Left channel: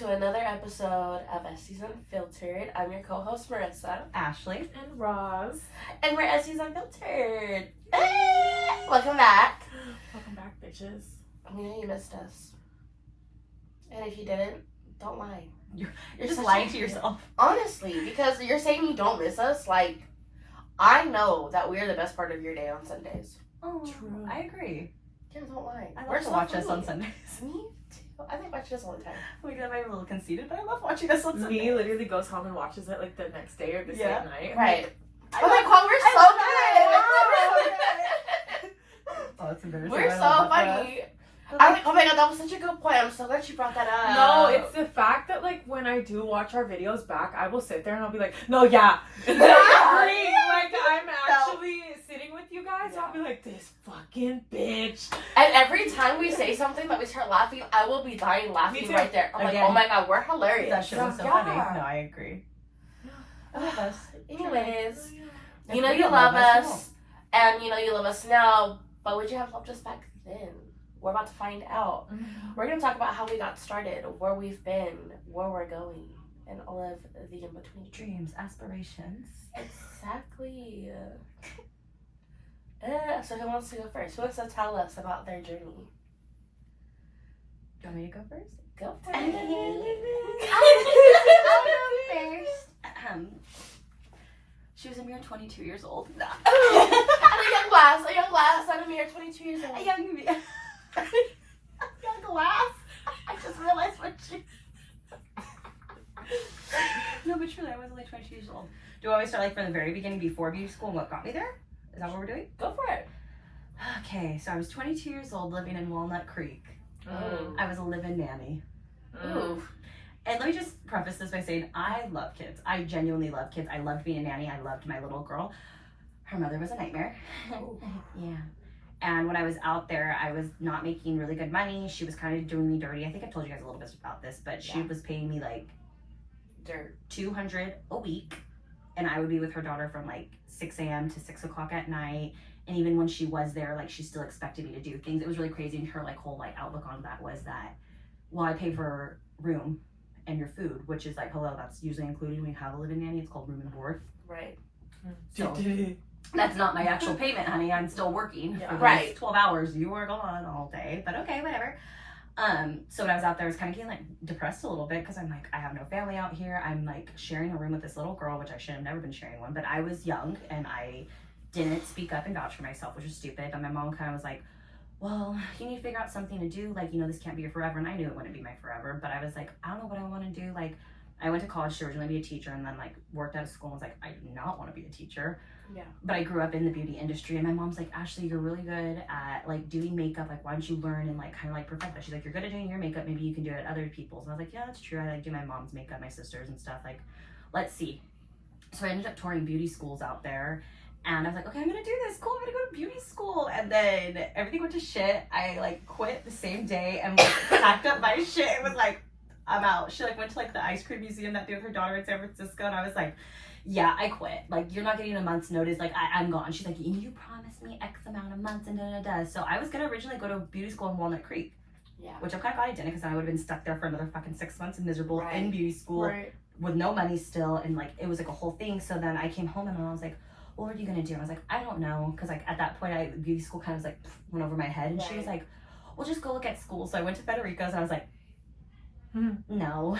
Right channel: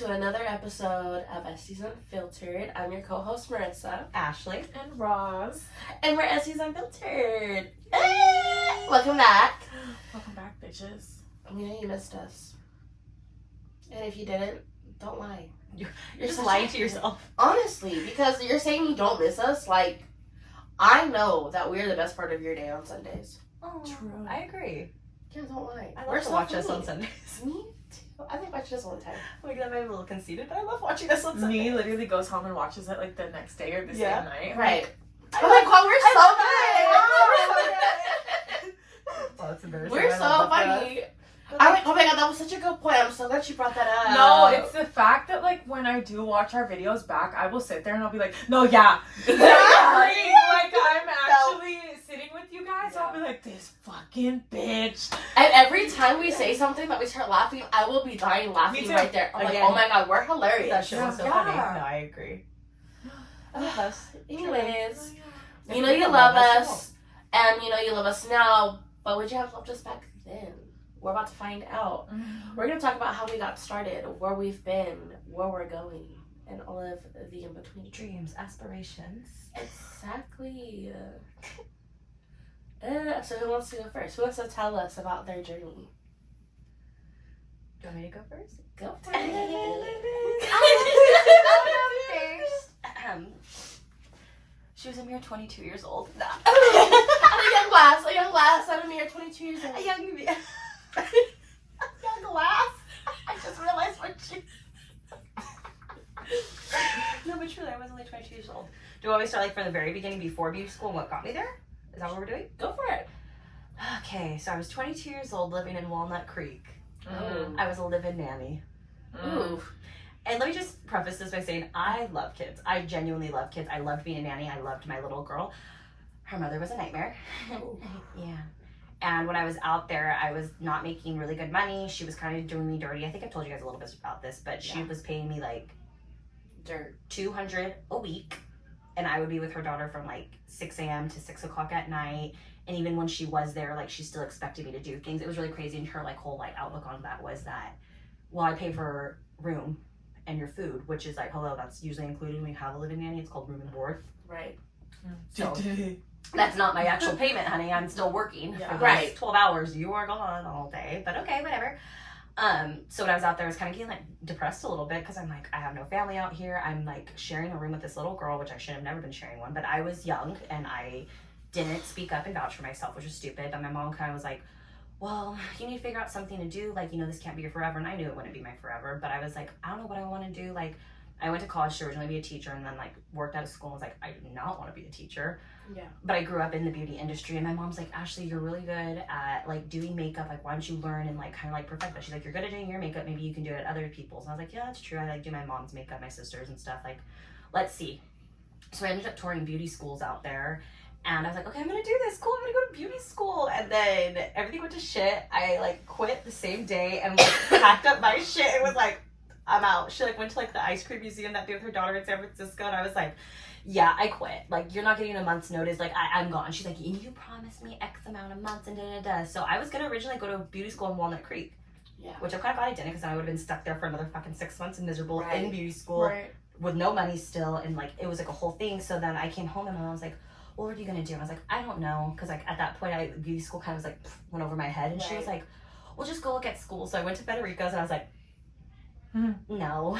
to another episode of Esties Unfiltered. I'm your co-host, Marissa. Ashley. And Roz. And we're Esties Unfiltered. Welcome back. Welcome back, bitches. We know you missed us. And if you didn't, don't lie. You're just lying to yourself. Honestly, because you're saying you don't miss us. Like, I know that we're the best part of your day on Sundays. Oh, True. I agree. Yeah, don't lie. I love to watch us on Sundays. Me too. I think watch us all the time. Like, that might be a little conceited, but I love watching us on Sundays. Me literally goes home and watches it like the next day or the same night. Right. I Oh my god, we're so good. Oh, it's embarrassing. We're so funny. I'm like, oh my god, that was such a good point. I'm so glad you brought that up. No, it's the fact that like when I do watch our videos back, I will sit there and I'll be like, no, yeah. Exactly. Like I'm actually sitting with you guys. I'll be like, this fucking bitch. And every time we say something that we start laughing, I will be dying laughing too. right there. I'm Again. like, oh my god, we're hilarious. That show was so Yeah. funny. No, I agree. I love us. Anyways, If you know we you don't love you us, and you know you love us now, but would you have loved us back then? We're about to find out. We're going to talk about how we got started, where we've been, where we're going, and all of the in-between. Dreams, aspirations. Exactly. So who wants to go first? Who wants to tell us about their journey? Do you want me to go first? Go for I'll it. go first. She was a mere 22 years old. No. a young lass. I'm a mere 22 years old. A young glass. I just realized what she. No, but truly, I was only 22 years old. Do you want me to start like from the very beginning before beauty school and what got me there? Is that what we're doing? Go for it. Okay, so I was 22 years old living in Walnut Creek. Mm. I was a live-in nanny. Ooh. And let me just preface this by saying I love kids. I genuinely love kids. I loved being a nanny. I loved my little girl. Her mother was a nightmare. Yeah. And when I was out there, I was not making really good money. She was kind of doing me dirty. I think I've told you guys a little bit about this, but she was paying me like Dirt. $200 a week. And I would be with her daughter from like 6 a.m. to 6 o'clock at night. And even when she was there, like she still expected me to do things. It was really crazy. And her like whole like outlook on that was that, well, I pay for room and your food, which is like, hello, that's usually included when you have a living nanny. It's called room and board. Right. So that's not my actual payment, honey. I'm still working for those Right. 12 hours. You are gone all day, but okay, whatever. So when I was out there, I was kind of getting like depressed a little bit because I'm like, I have no family out here. I'm like sharing a room with this little girl, which I should have never been sharing one, but I was young and I didn't speak up and vouch for myself, which was stupid. But my mom kind of was like, well, you need to figure out something to do. Like, you know, this can't be your forever. And I knew it wouldn't be my forever, but I was like, I don't know what I want to do. Like, I went to college to originally be a teacher and then like worked out of school and was like, I do not want to be a teacher. Yeah. But I grew up in the beauty industry and my mom's like, Ashley, you're really good at like doing makeup. Like, why don't you learn and like kind of like perfect that? She's like, you're good at doing your makeup. Maybe you can do it at other people's. And I was like, yeah, that's true. I like do my mom's makeup, my sister's and stuff. Like, let's see. So I ended up touring beauty schools out there. And I was like, okay, I'm gonna do this. Cool, I'm gonna go to beauty school. And then everything went to shit. I like quit the same day and like packed up my shit and was like, I'm out. She like went to like the ice cream museum that day with her daughter in San Francisco. And I was like, yeah, I quit. Like, you're not getting a month's notice. Like, I'm gone. She's like, you promised me X amount of months and da-da-da. So I was gonna originally go to beauty school in Walnut Creek. Yeah. Which I'm kind of glad I didn't because I would have been stuck there for another fucking 6 months and miserable Right. in beauty school. Right. With no money still, and like it was like a whole thing. So then I came home and my mom was like, well, what are you gonna do? And I was like, I don't know, because like at that point beauty school kind of was like went over my head. And she was like, well, just go look at school. So I went to Federico's and I was like, no,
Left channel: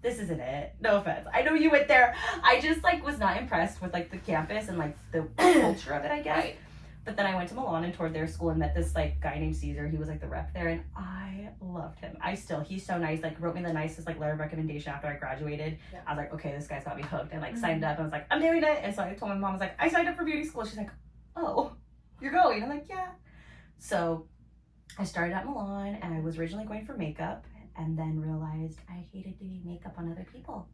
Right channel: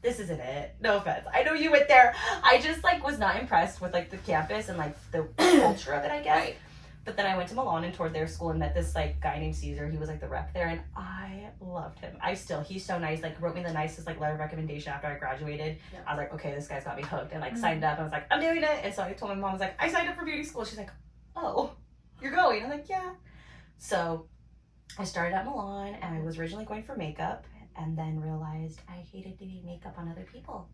this isn't it. No offense, I know you went there. I just like was not impressed with like the campus and like the culture of it, I guess. Right. But then I went to Milan and toured their school and met this like guy named Caesar. He was like the rep there and I loved him. He's so nice, like wrote me the nicest like letter of recommendation after I graduated. Yeah. I was like, okay, this guy's got me hooked, and like signed up and I was like, I'm doing it. And so I told my mom, I was like, I signed up for beauty school. She's like, oh, you're going? I'm like, yeah. So I started at Milan and I was originally going for makeup and then realized I hated doing makeup on other people.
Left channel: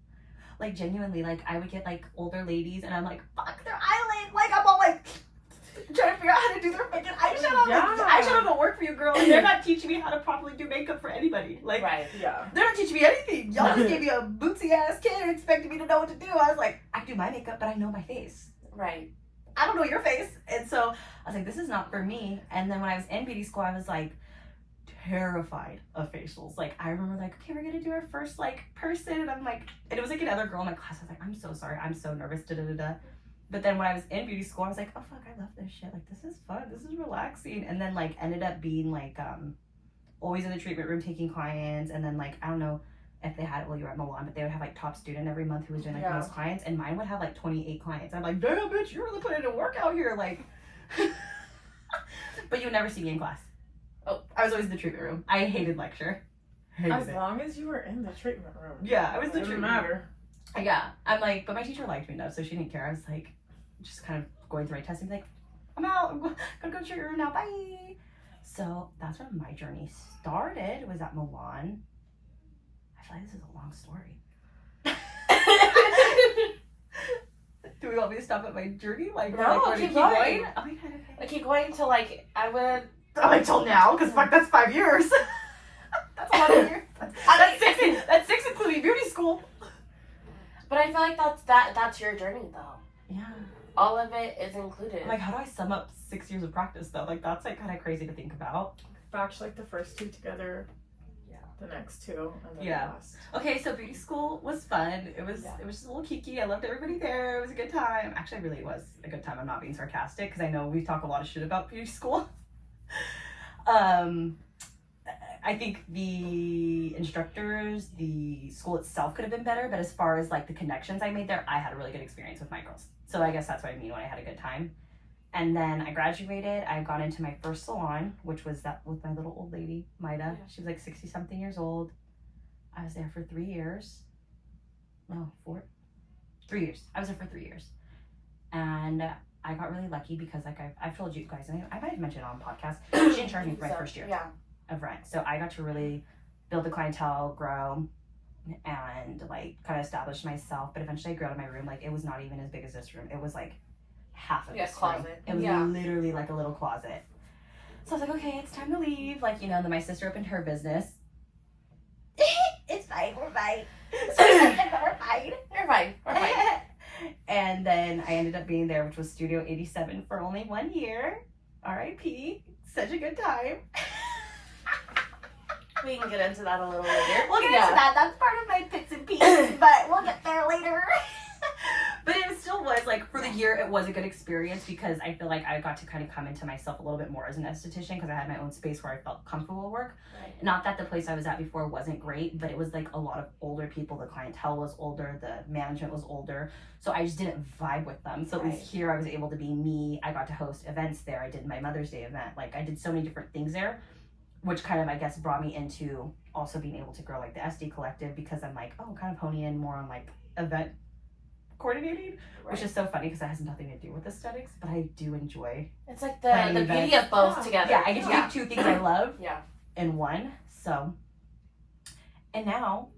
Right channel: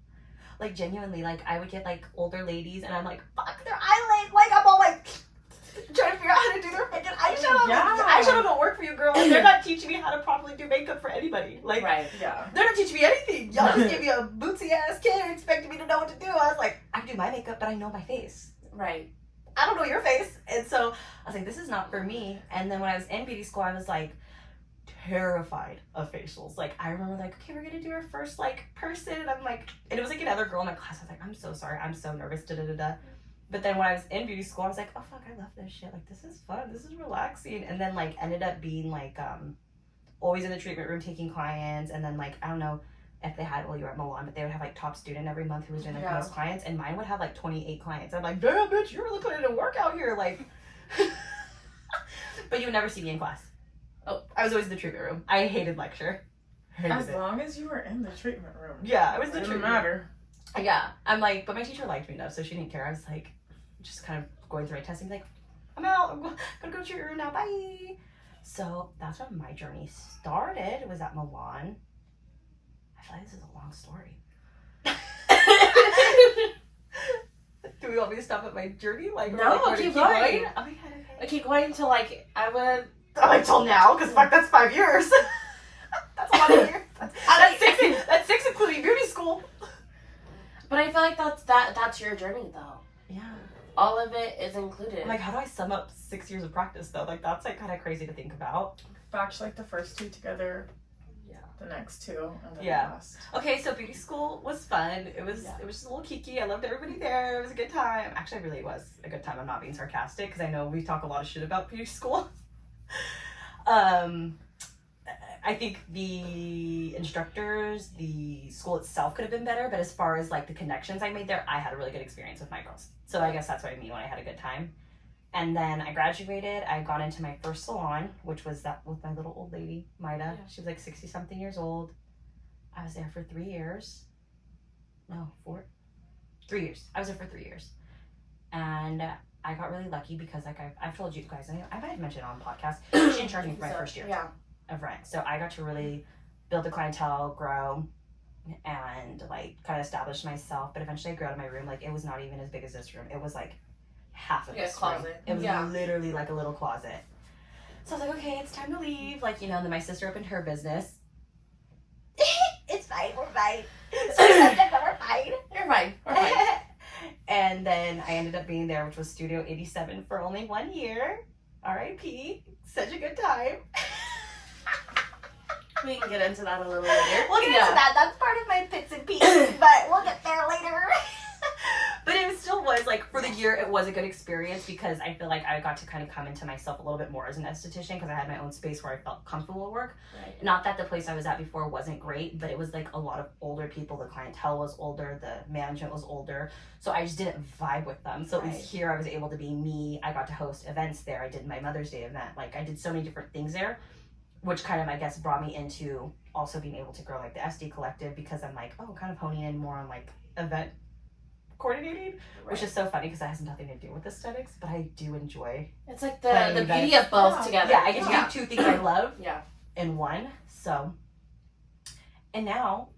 Like genuinely, like I would get like older ladies and I'm like, fuck their eyelid. Like I'm all like trying to figure out how to do their fucking eyeshadow. Yeah. Like, eyeshadow don't work for you, girl. And they're not teaching me how to properly do makeup for anybody. Like, Right. Yeah. they're not teaching me anything. Y'all just gave me a bootsy ass kid and expected me to know what to do. I was like, I do my makeup, but I know my face. Right. I don't know your face. And so I was like, this is not for me. And then when I was in beauty school, I was like, terrified of facials. Like, I remember, like, okay, we're gonna do our first, like, person, and I'm like, and it was like another girl in my class. I was like, I'm so sorry, I'm so nervous, da-da-da-da. But then when I was in beauty school, I was like, oh fuck, I love this shit. Like, this is fun, this is relaxing. And then, like, ended up being like always in the treatment room taking clients. And then, like, I don't know if they had, well, you were at Milan, but they would have like top student every month who was doing like most clients, and mine would have like 28 clients. I'm like, damn bitch, you're really putting in work out here, like. But you would never see me in class. Oh, I was always in the treatment room. I hated lecture. As long as you were in the treatment room. Yeah, I was in the Didn't treatment matter. room. Yeah, I'm like, but my teacher liked me enough, so she didn't care. I was like, just kind of going through my testing, like, I'm out, I'm gonna go to your room now, bye. So that's when my journey started, was at Milan. I feel like this is a long story. Do we want me to stop at my journey? Like, no, like, keep going? going. Oh my god, okay. I keep going to like, I would. Oh, like till now, because fuck, that's 5 years. That's a lot of years. That's six including beauty school. But I feel like that's your journey though. Yeah. All of it is included. Like, how do I sum up 6 years of practice though? Like, that's like kind of crazy to think about. Batch like the first 2 together. Yeah. The next 2, and then Yeah. the last. Okay, so beauty school was fun. It was just a little kiki. I loved everybody there. It was a good time. Actually, it really was a good time. I'm not being sarcastic because I know we talk a lot of shit about beauty school. I think the instructors, the school itself could have been better, but as far as like the connections I made there, I had a really good experience with my girls. So I guess that's what I mean when I had a good time. And then I graduated. I got into my first salon, which was that with my little old lady, Maida. Yeah. She was like 60 something years old. I was there for 3 years. No, 4? 3 years. I was there for 3 years. And I got really lucky because, like, I've told you guys, and I might have mentioned on podcast, she didn't charge me for my first year of rent. So I got to really build the clientele, grow, and, like, kind of establish myself. But eventually I grew out of my room. Like, it was not even as big as this room. It was, like, half of this room. It was literally, like, a little closet. So I was like, okay, it's time to leave. Like, you know, then my sister opened her business. It's fine, we're fine. So we're fine. You're fine. We're fine. And then I ended up being there, which was Studio 87 for only 1 year. R.I.P. Such a good time. We can get into that a little later. We'll get into that. That's part of my bits and pieces, but we'll get there later. But it still was, like, for the year, it was a good experience because I feel like I got to kind of come into myself a little bit more as an esthetician because I had my own space where I felt comfortable at work. Right. Not that the place I was at before wasn't great, but it was, like, a lot of older people. The clientele was older. The management was older. So I just didn't vibe with them. So at least here I was able to be me. I got to host events there. I did my Mother's Day event. Like, I did so many different things there, which kind of, I guess, brought me into also being able to grow, like, the SD Collective because I'm, like, oh, kind of honing in more on, like, event coordinating, which is so funny because that has nothing to do with aesthetics, but I do enjoy. It's like the beauty of both together. Yeah, I get to do 2 things I love in one. So, and now,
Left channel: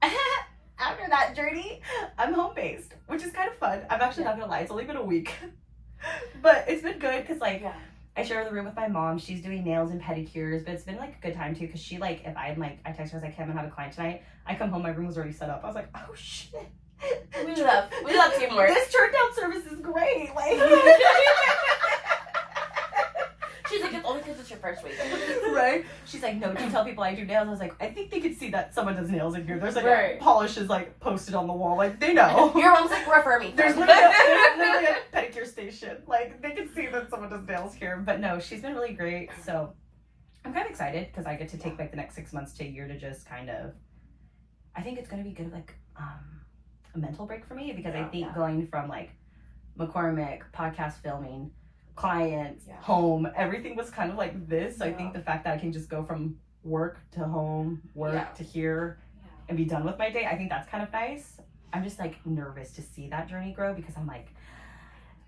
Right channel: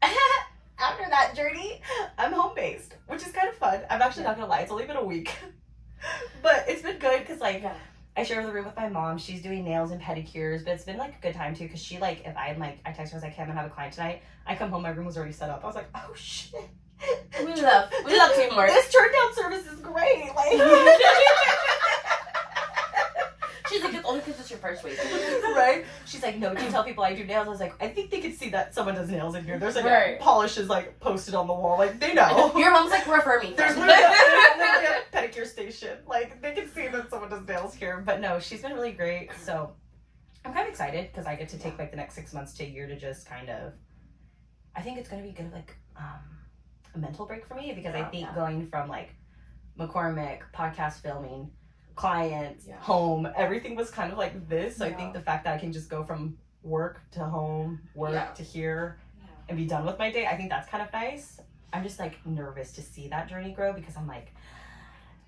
after that journey, I'm home-based, which is kind of fun. I'm actually not gonna lie, it's only been a week, but it's been good because, like, I share the room with my mom. She's doing nails and pedicures, but it's been, like, a good time too because she, like, if I'm like, I text her, I was like, hey, I'm gonna have a client tonight. I come home, my room was already set up. I was like, oh shit. We love teamwork. This turn down service is great. Like, she's like, it's only because it's your first week, right? She's like, no, but you tell people I do nails. I was like, I think they could see that someone does nails in here. There's like polishes like posted on the wall, like they know. Your mom's like, we're affirming. There's literally a pedicure station. Like they can see that someone does nails here. But no, she's been really great. So I'm kind of excited because I get to take like the next 6 months to a year to just kind of. I think it's gonna be good, like a mental break for me because I think going from like McCormick, podcast filming, clients, home, everything was kind of like this. So I think the fact that I can just go from work to home, work to here and be done with my day, I think that's kind of nice. I'm just like nervous to see that journey grow because I'm like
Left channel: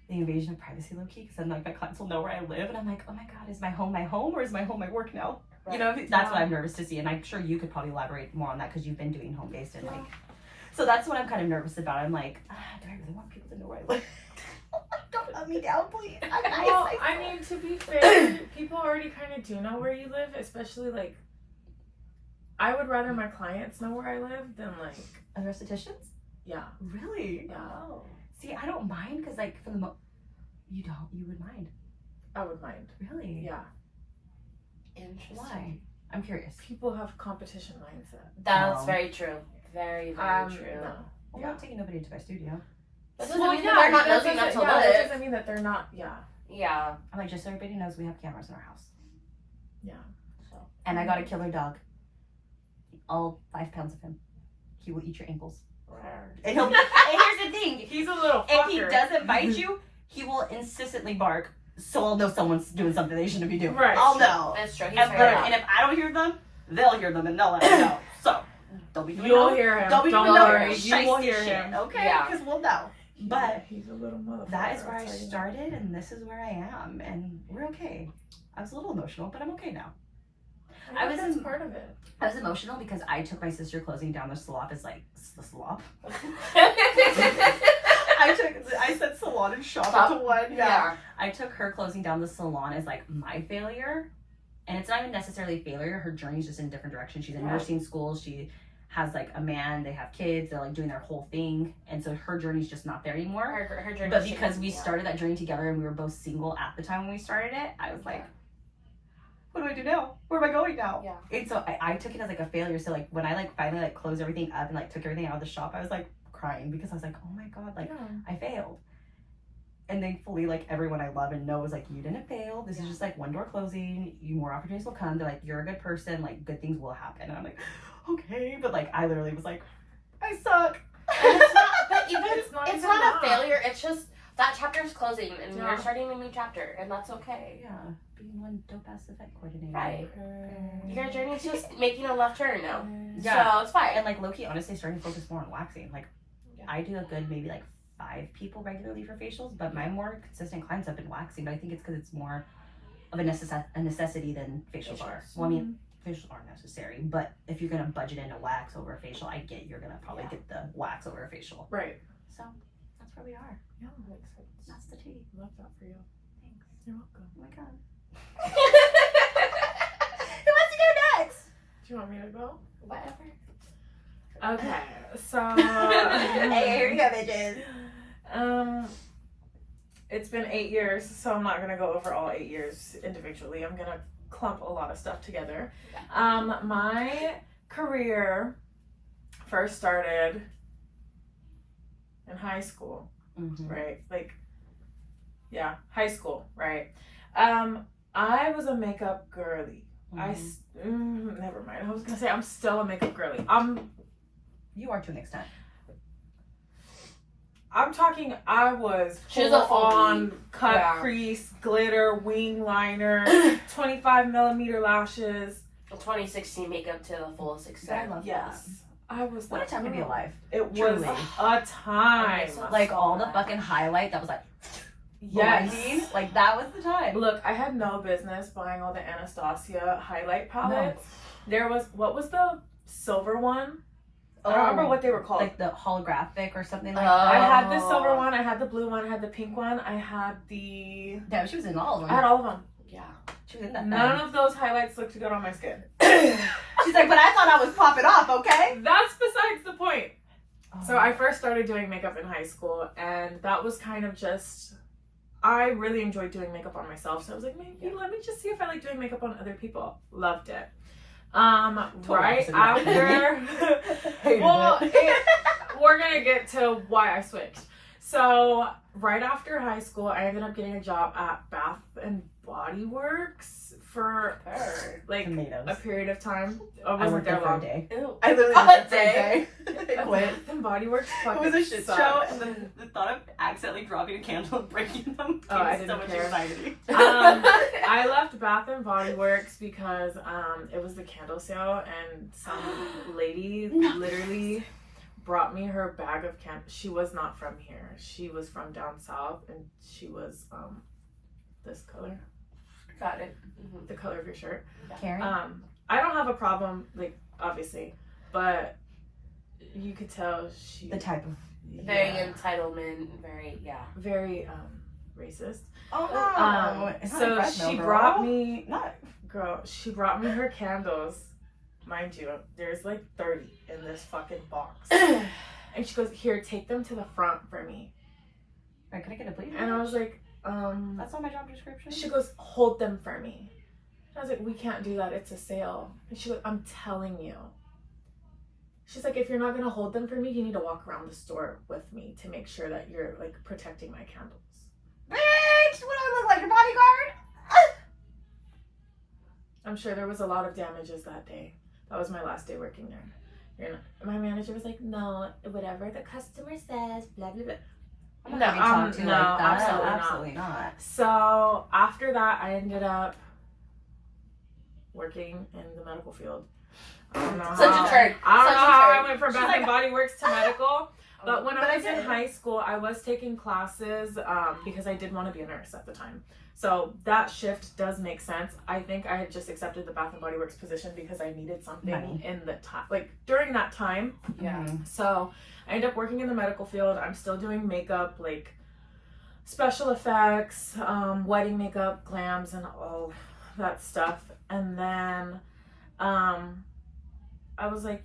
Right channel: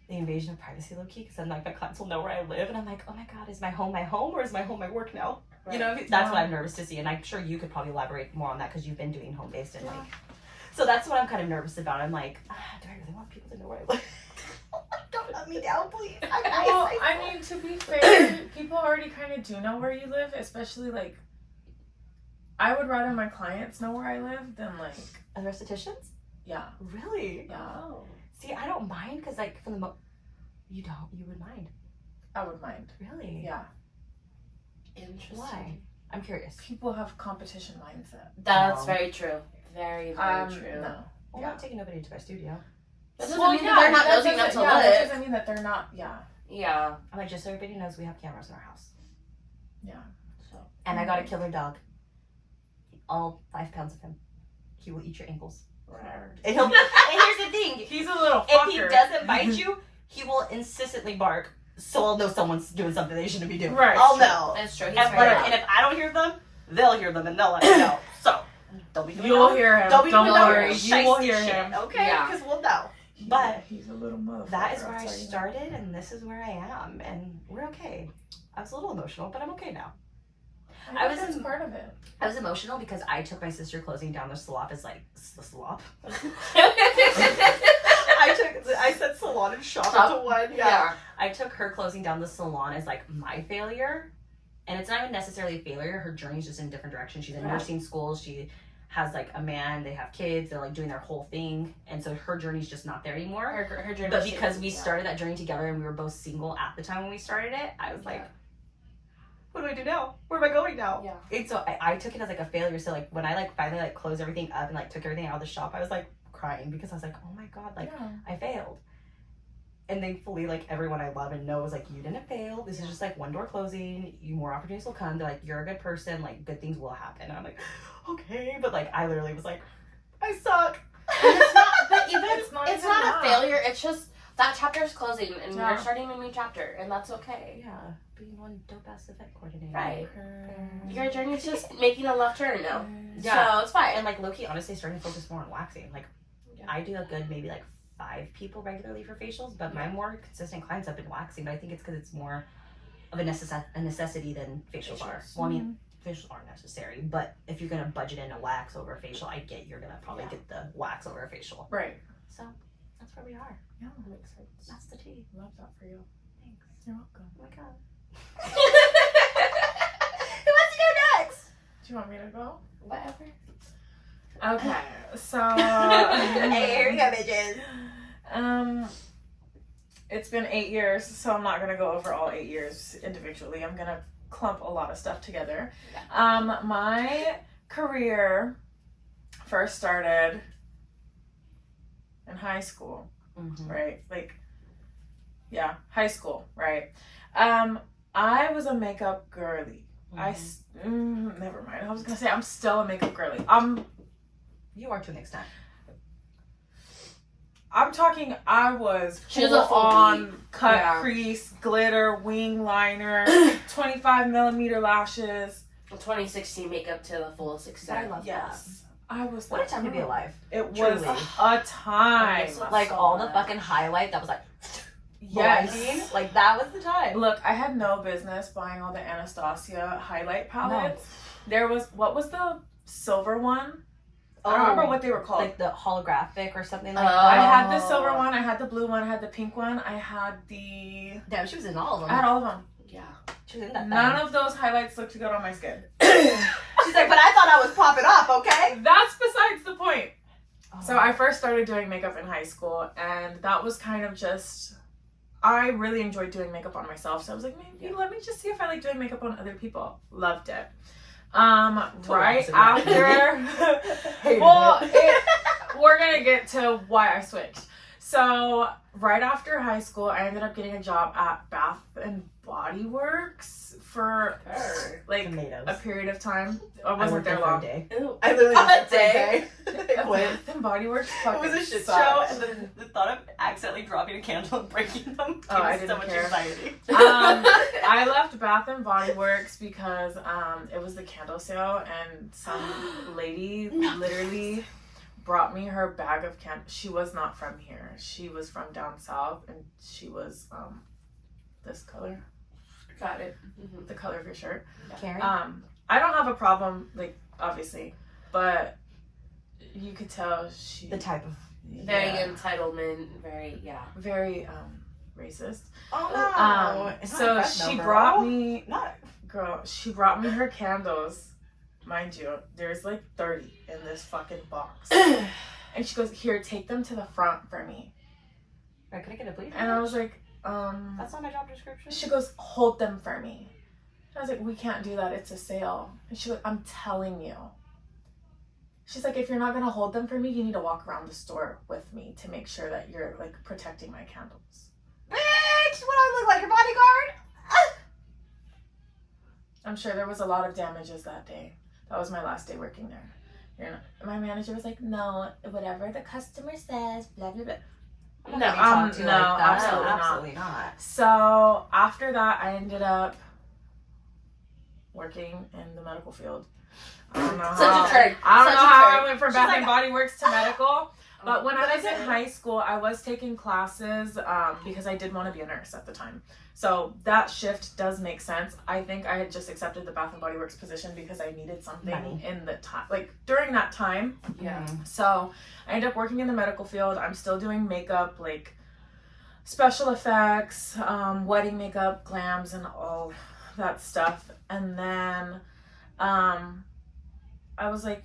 the invasion of privacy low key because then like my clients will know where I live and I'm like, oh my god, is my home or is my home my work now? You know, that's what I'm nervous to see, and I'm sure you could probably elaborate more on that because you've been doing home based and like. So that's what I'm kind of nervous about. I'm like, do I really want people to know where I live? Don't let me down, please. Well, I mean, to be fair, people already kind of do know where you live, especially like, I would rather my clients know where I live than like other estheticians. Yeah. Really? Yeah. Oh. See, I don't mind because like for the you would mind. I would mind. Really? Yeah. Interesting. Why? I'm curious. People have competition mindset. That's very true. Very, very true. No. I'm not taking nobody into my studio. That doesn't mean that they're not nosy enough to that look. doesn't mean that they're not. Yeah. Yeah. I'm like, just so everybody knows, we have cameras in our house. Yeah. So. And I got a killer dog. All 5 pounds of him. He will eat your ankles. And, and here's the thing. He's a little fucker. If he doesn't bite you, he will incessantly bark. So I'll know someone's doing something they shouldn't be doing. Right. I'll know. It's true. He's And, very loud. and if I don't hear them, they'll hear them and they'll let me know. So don't be doing You'll no- hear him. Don't be doing Don't no worry. You will shiesty hear shit, him. okay? Yeah. Because we'll know. But he's a little motherfucker. that is where I'll I tell you that. started, and this is where I am, and we're okay. I was a little emotional, but I'm okay now. I was in part of it. I was emotional because I took my sister closing down the slop as like the slop. I said salon and shop into one. Yeah. I took her closing down the salon as like my failure, and it's not even necessarily a failure. Her journey's just in a different direction. She's in nursing school. She has like a man. They have kids. They're like doing their whole thing, and so her journey's just not there anymore. Her journey. But because we started that journey together, and we were both single at the time when we started it, I was like, what do I do now? Where am I going now? Yeah. And so I took it as like a failure. So like when I like finally like closed everything up and like took everything out of the shop, I was like crying because I was like, oh my God, like I failed. And thankfully, like everyone I love and know was like, you didn't fail. This is just like one door closing. More opportunities will come. They're like, you're a good person. Like good things will happen. And I'm like, okay. But like I literally was like, I suck. And it's not, but even It's not it's even not that. a failure. It's just that chapter's closing and Yeah. you're starting a new chapter, and that's okay. Yeah, being one dope ass event coordinator. Right. Your journey's just making a left turn now. Yeah. So it's fine. And like Loki, honestly, starting to focus more on waxing. Like Yeah. I do a good maybe like 5 people regularly for facials, but my more consistent clients have been waxing. But I think it's because it's more of a necessity than facials are. Well, I mean, facials aren't necessary, but if you're gonna budget in a wax over a facial, I get you're gonna probably get the wax over a facial. Right. So that's where we are. Yeah. Makes sense. That's the tea. Love that for you. Thanks. You're welcome. Oh my God. Who wants to go next? Do you want me to go? Whatever. Okay. So. Hey, here we go, bitches. It's been 8 years, so I'm not gonna go over all 8 years individually. I'm gonna clump a lot of stuff together. My career first started in high school, right? Like, yeah, high school, right? I was a makeup girly. Never mind. I was gonna say I'm still a makeup girly. You are to an extent. I'm talking, I was She was a full on beat. cut Yeah. crease, glitter, wing liner, 25mm lashes. 2016 makeup to the fullest extent. I love Yes. I was What a that time to be girl. alive. It was Truly. a time. So Like all the much. fucking highlight that was like Yes. blinding. Like that was the time. Look, I had no business buying all the Anastasia highlight palettes. There was, what was the silver one? I don't remember what they were called. Like the holographic or something like I that. had the silver one, I had the blue one, I had the pink one, I had the... Damn, she was in all of I them. had all of them. Yeah. She was in that None thing. of those highlights looked good on my skin. She's like, but I thought I was popping off, okay? That's besides the point. So I first started doing makeup in high school, and that was kind of just... I really enjoyed doing makeup on myself, so I was like, maybe let me just see if I like doing makeup on other people. Loved it. Right after... Well, we're gonna get to why I switched. So right after high school, I ended up getting a job at Bath and Body Works for like Tomatoes. a period of time. I I wasn't worked there there for a long. day. Ew. I literally A worked there for a day? day. I quit. Bath and Body Works It fucking was a shit sucks. show, and then the thought of accidentally dropping a candle and breaking them Oh, I gave me so didn't much care. anxiety. I left Bath and Body Works because it was the candle sale, and some lady literally brought me her bag of candles. She was not from here. She was from down south, and she was this color, Got it. Mm-hmm. the color of your shirt. Karen? I don't have a problem, like, obviously, but you could tell she The type of... Very yeah, entitlement. Very very racist. Oh, no. It's not So impressed, though, she girl. brought me. Not... Girl, she brought me her candles. Mind you, there's like 30 in this fucking box. And she goes, here, take them to the front for me. Right, can I get a bleed? And I was like, That's not my job description. she goes, hold them for me. I was like, we can't do that. It's a sale. And she's like, I'm telling you. She's like, if you're not going to hold them for me, you need to walk around the store with me to make sure that you're, like, protecting my candles. Bitch, what do I look like, your bodyguard? I'm sure there was a lot of damages that day. That was my last day working there. My manager was like, no, whatever the customer says, blah, blah, blah. I'm not gonna be talked to like that. absolutely Absolutely not. So after that, I ended up working in the medical field. I don't know Such a turn. I don't Such know a how turn. I went from She's Bath like, and Body Works to medical. But when I was in Okay. high school, I was taking classes because I did want to be a nurse at the time. So that shift does make sense. I think I had just accepted the Bath and Body Works position because I needed something Money. in the time, like during that time. Yeah. So I ended up working in the medical field. I'm still doing makeup, like special effects, wedding makeup, glams, and all that stuff. And then I was like,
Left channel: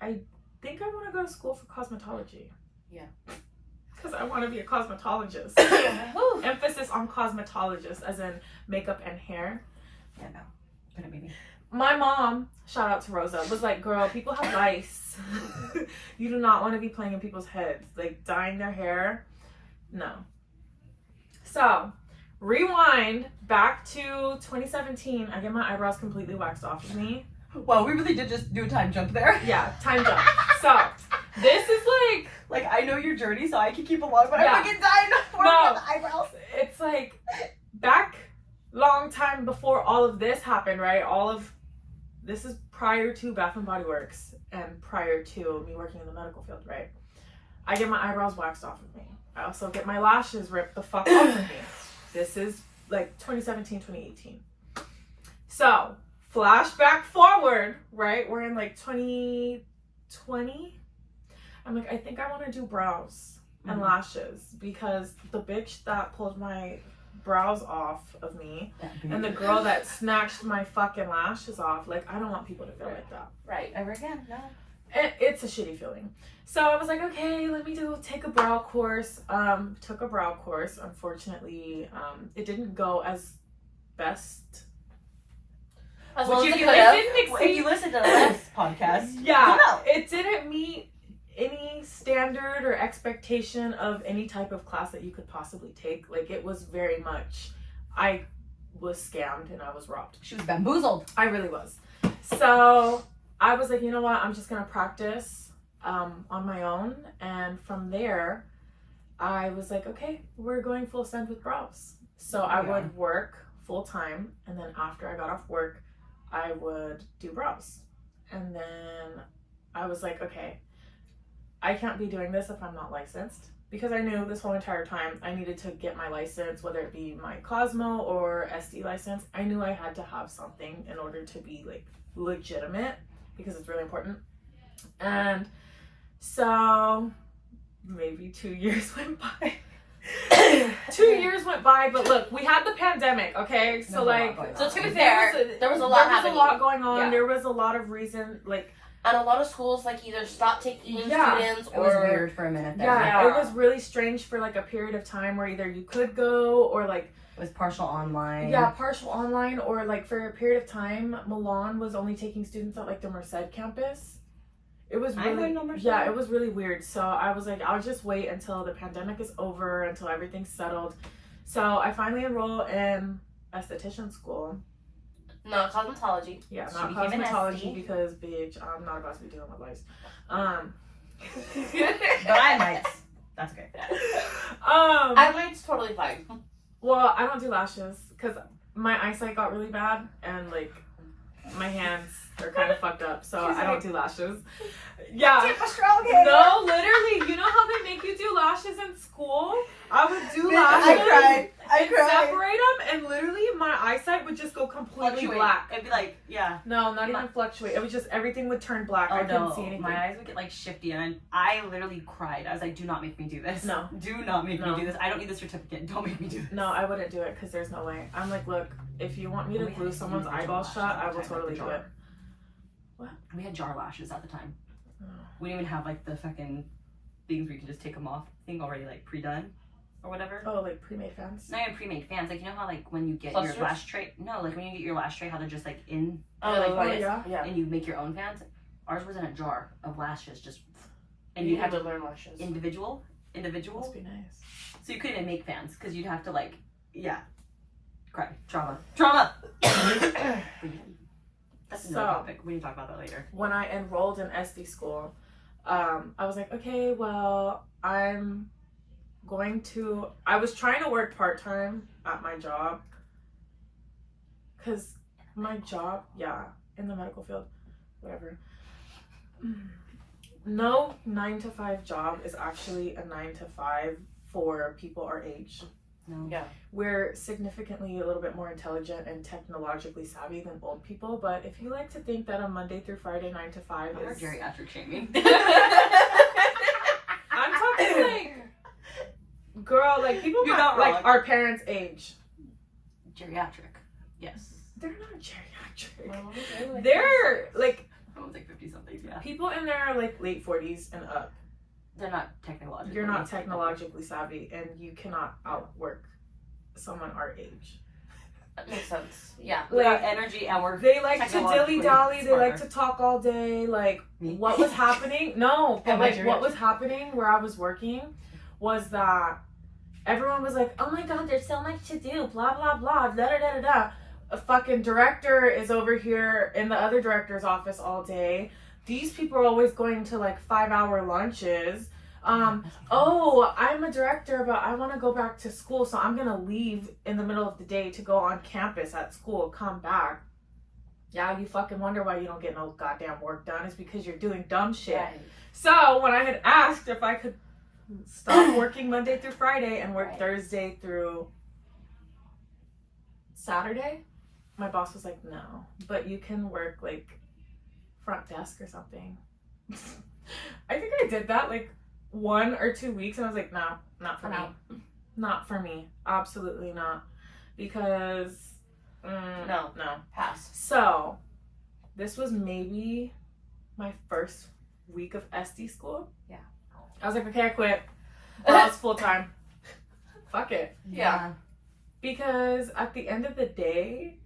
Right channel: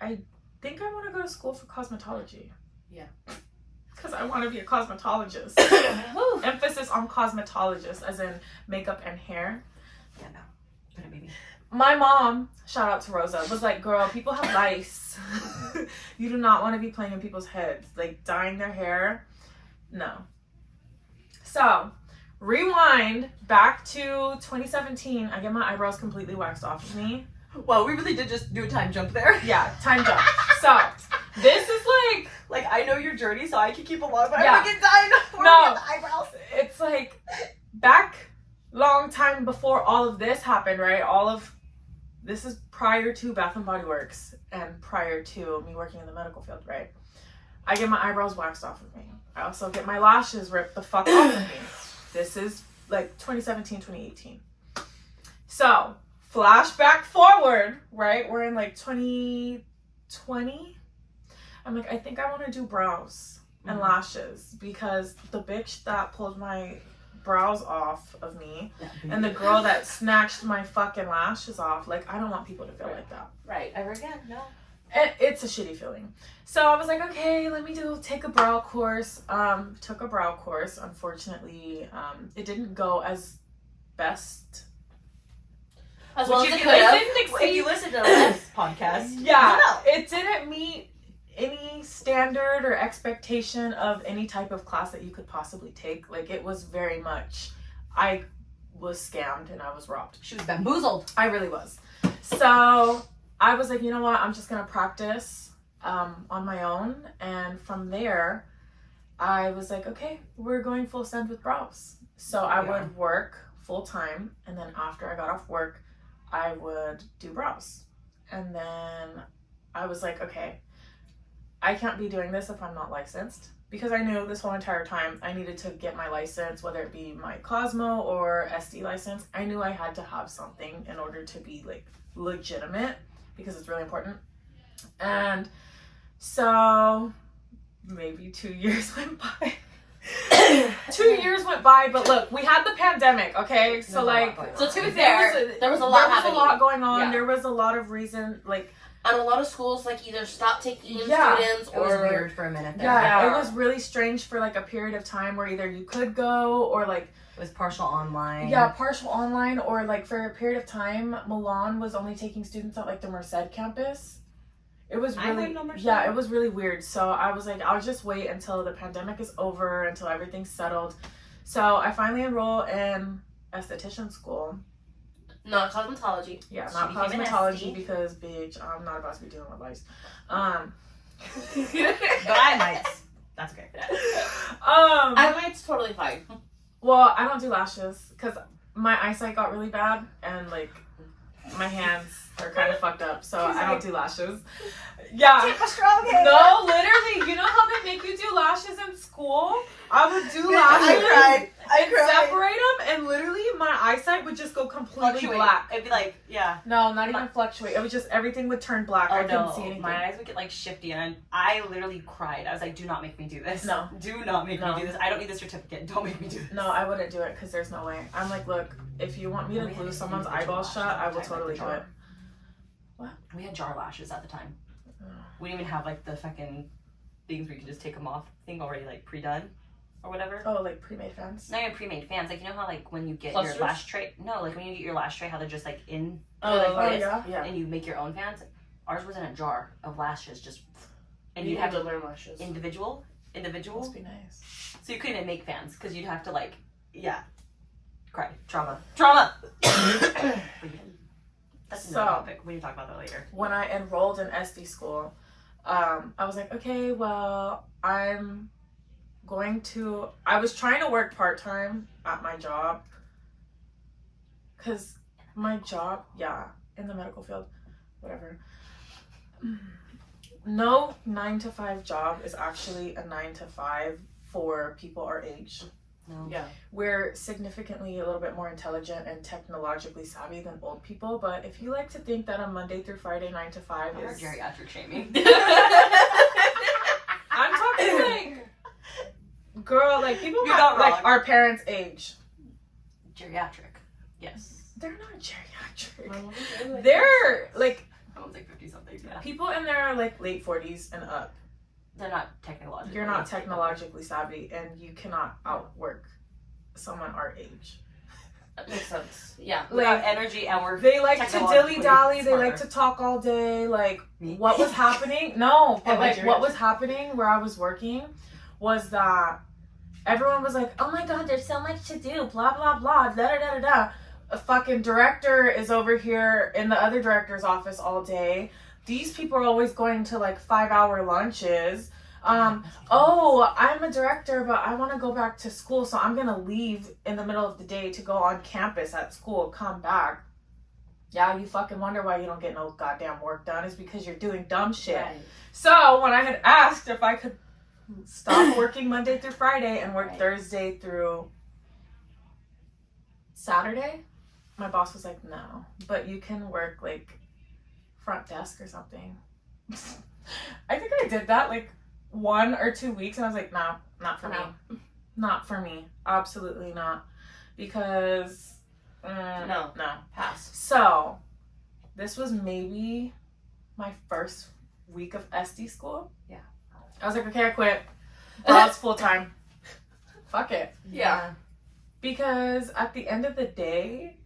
I think I want to go to school for cosmetology. Yeah. Because I want to be a cosmetologist. Emphasis on cosmetologist, as in makeup and hair. Yeah, no. Couldn't be me. My mom, shout out to Rosa, was like, girl, people have lice. You do not want to be playing in people's heads. Like, dyeing their hair. No. So, rewind back to 2017. I get my eyebrows completely waxed off of me. Wow, we really did just do a time jump there. Yeah, time jump. So, this is Like, I know your journey, so I can keep along, but Yeah. I freaking died for No. the eyebrows. it's like back long time before all of this happened, right? All of this is prior to Bath and Body Works and prior to me working in the medical field, right? I get my eyebrows waxed off of me. I also get my lashes ripped the fuck off of me. This is like 2017, 2018. So, flashback forward, right? We're in like 2020. I'm like, I think I want to do brows and lashes because the bitch that pulled my brows off of me and the girl that snatched my fucking lashes off, like, I don't want people to feel like that. Right. Ever again? No. It's a shitty feeling. So I was like, okay, let me take a brow course. Took a brow course. Unfortunately, it didn't go as best. As well as Which it if could you, have. if you listen to the last podcast, Yeah, you'll know. it didn't meet any standard or expectation of any type of class that you could possibly take. Like, it was very much, I was scammed and I was robbed. She was bamboozled. I really was. So I was like, you know what? I'm just gonna practice on my own. And from there, I was like, okay, we're going full send with brows. So I Yeah. would work full time, and then after I got off work, I would do brows. And then I was like, okay, I can't be doing this if I'm not licensed, because I knew this whole entire time I needed to get my license, whether it be my Cosmo or SD license. I knew I had to have something in order to be like legitimate, because it's really important. And so maybe 2 years went by. 2 years went by, but look, we had the pandemic, okay? So like, So to be fair, there was a lot happening. There was a lot going on. Yeah. There was a lot of reason, like, And a lot of schools like either stopped taking Yeah. students It was or weird for a minute there. yeah, Yeah. it was really strange for like a period of time where either you could go or like, It was partial online. yeah, partial online, or like for a period of time, Milan was only taking students at like the Merced campus. It was I really, wouldn't know Merced. yeah, it was really weird. So I was like, I'll just wait until the pandemic is over, until everything's settled. So I finally enrolled in esthetician school. not cosmetology. Yeah, She not became an cosmetology, Estie. because bitch, I'm not about to be dealing with lice. But I might. That's okay. I might, it's totally fine. Well, I don't do lashes because my eyesight got really bad and like my hands are kind of fucked up, so I don't do lashes. Yeah. Keep a strong hand. No, literally, you know how they make you do lashes in school? I would do lashes. I cried. Separate them, and literally my eyesight would just go completely Fluctuate. black. It'd be like, yeah. No, not even fluctuate. It was just everything would turn black. Oh I couldn't no, see anything. my eyes would get like shifty, and I literally cried. I was like, "Do not make me do this. No. Do not make No. me do this. I don't need this certificate. Don't make me do this." No, I wouldn't do it because there's no way. I'm like, look, if you want me to We had glue to do someone's individual eyeball lashes shut, I all the will time, like totally the do jar. it. We had jar lashes at the time. Oh. We didn't even have like the fucking things where you could just take them off. I think already like pre-done. or whatever. Oh, like pre-made fans? Not even pre-made fans. Like, you know how, like, when you get Clusters? your lash tray? No, like, when you get your lash tray, how they're just, like, in, Oh, like this, yeah. Yeah. and you make your own fans? Ours was in a jar of lashes, just, and You you'd have had to to learn lashes. individual, Must be nice. so you couldn't even make fans, because you'd have to, like, cry. Trauma. That's another topic. We can talk about that later. When I enrolled in SD school, I was like, okay, well, I was trying to work part-time at my job, because my job, in the medical field, whatever. No 9-to-5 job is actually a 9-to-5 for people our age. No. Yeah. We're significantly a little bit more intelligent and technologically savvy than old people, but if you like to think that a Monday through Friday 9-to-5 We're is geriatric shaming. I'm talking like, girl, like people You're not like wrong. our parents' age. Geriatric. Yes. They're not geriatric. My mom was really like They're like I was like 50-something, yeah. people in their like late 40s and up. They're not technologically. You're not technologically savvy, and you cannot outwork someone our age. That makes sense. Yeah. We got energy and we're They like to technologically dilly-dally, they like smarter. to talk all day, like, Me? what was happening? No, but Am I like, what was happening where I was working was that everyone was like, oh my god, there's so much to do, blah, blah, blah, da-da-da-da-da. A fucking director is over here in the other director's office all day. These people are always going to, like, 5-hour lunches. Oh, I'm a director, but I want to go back to school, so I'm gonna leave in the middle of the day to go on campus at school, come back. Yeah, you fucking wonder why you don't get no goddamn work done. It's because you're doing dumb shit. Right. So when I had asked if I could stop working Monday through Friday and work Right. Thursday through Saturday, my boss was like, no, but you can work like front desk or something. I think I did that like 1 or 2 weeks, and I was like, no, not for me. Not for me. Absolutely not. Because No. no. Pass. So this was maybe my first week of SD school. Yeah. I was like, okay, I quit. I was full time. Fuck it. Yeah. Because at the end of the day,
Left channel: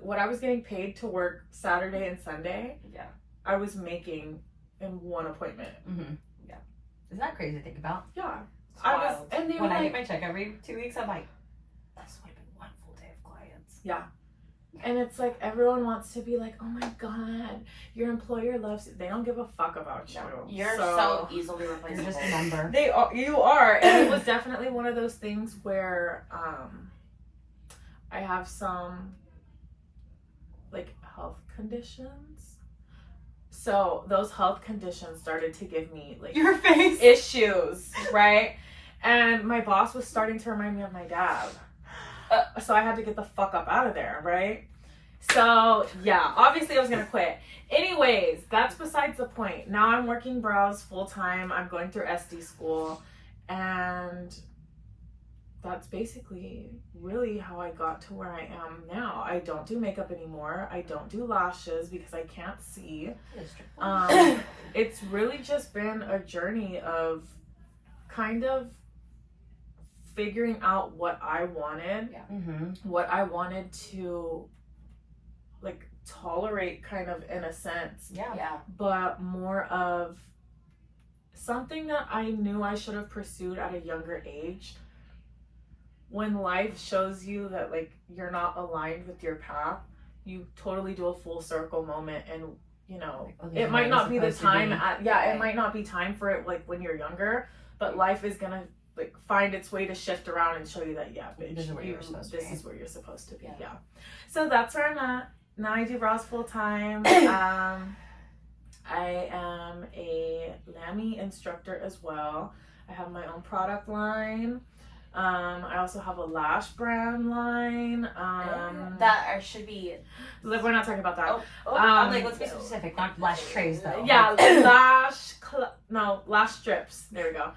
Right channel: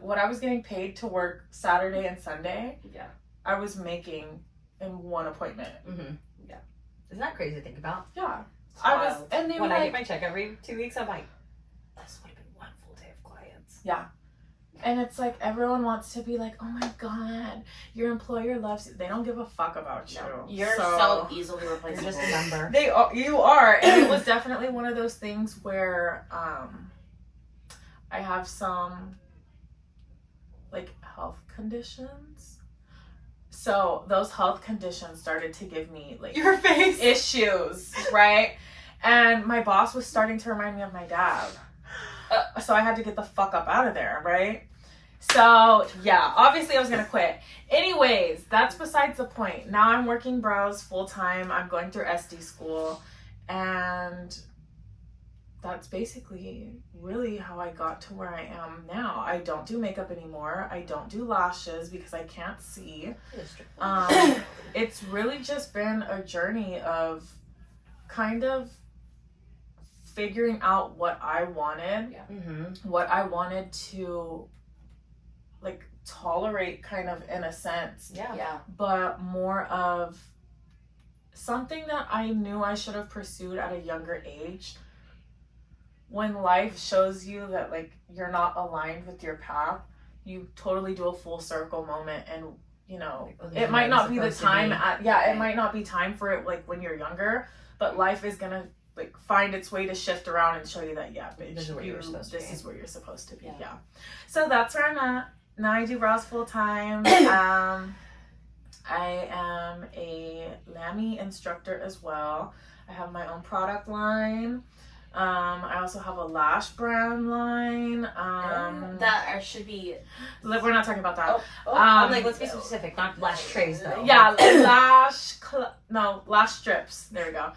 what I was getting paid to work Saturday and Sunday, Yeah. I was making in one appointment. Mm-hmm. Yeah. Isn't that crazy to think about? Yeah. It's I was, wild. and they were When I like, get my check every 2 weeks, I'm like, this would have been one full day of clients. yeah. And it's like everyone wants to be like, oh my god, your employer loves you. They don't give a fuck about you. No. You're so easily You're replaceable. just a number. You are, and it was definitely one of those things where I have some like health conditions. So those health conditions started to give me like Your face. issues, right? And my boss was starting to remind me of my dad. So I had to get the fuck up out of there, right? So yeah, obviously I was gonna quit. Anyways, that's besides the point. Now I'm working brows full time. I'm going through SD school, and that's basically really how I got to where I am now. I don't do makeup anymore. I don't do lashes because I can't see. It's really just been a journey of kind of figuring out what I wanted, Mm-hmm. what I wanted to like tolerate kind of in a sense, Yeah. but more of something that I knew I should have pursued at a younger age. When life shows you that like you're not aligned with your path, you totally do a full circle moment, and you know, Like, oh, this is it might where not I'm be the supposed to time be. it might not be time for it like when you're younger, but life is gonna like find its way to shift around and show you that bitch, This is where you're supposed to this be. is where you're supposed to be. Yeah. Yeah. So that's where I'm at. Now I do brows full time. I am a Lamy instructor as well. I have my own product line. I also have a lash brand line. That should be. We're not talking about that. I'm like, let's be specific, not lash trays though. Yeah, lash strips. There we go.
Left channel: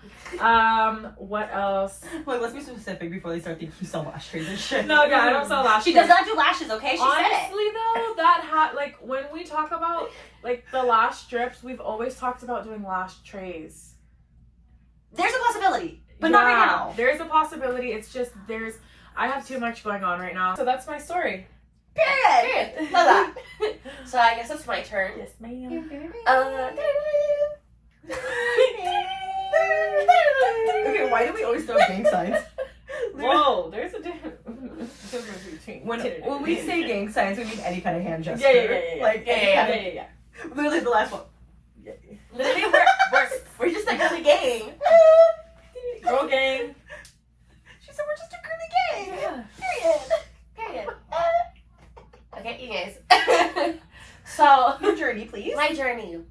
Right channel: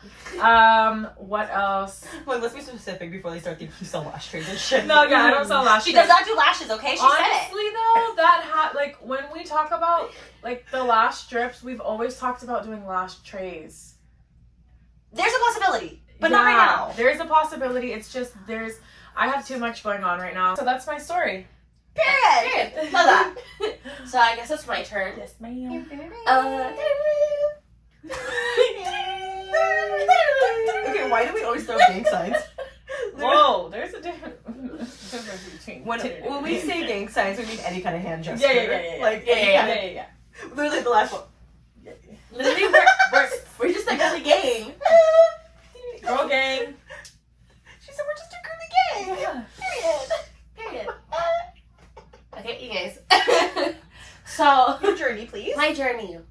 What else? Wait, let's be specific before they start thinking you sell lash trays and shit. No, yeah, I don't sell lash She strips. does not do lashes, okay? She said it. Honestly, though, like when we talk about like the lash strips, we've always talked about doing lash trays. There's a possibility. But not right now. There is a possibility. It's just I have too much going on right now. So that's my story. Period. Love that. So I guess it's my turn. Yes, ma'am. Okay, why do we always throw gang signs? Whoa, there's a difference between When we say gang signs, we mean any kind of hand gesture. Yeah. Like, any kind of, yeah. literally the last one. Literally, we're just like a gang. Girl gang. She said we're just a girly gang. Period. Okay, you guys. So Your journey, please. my journey.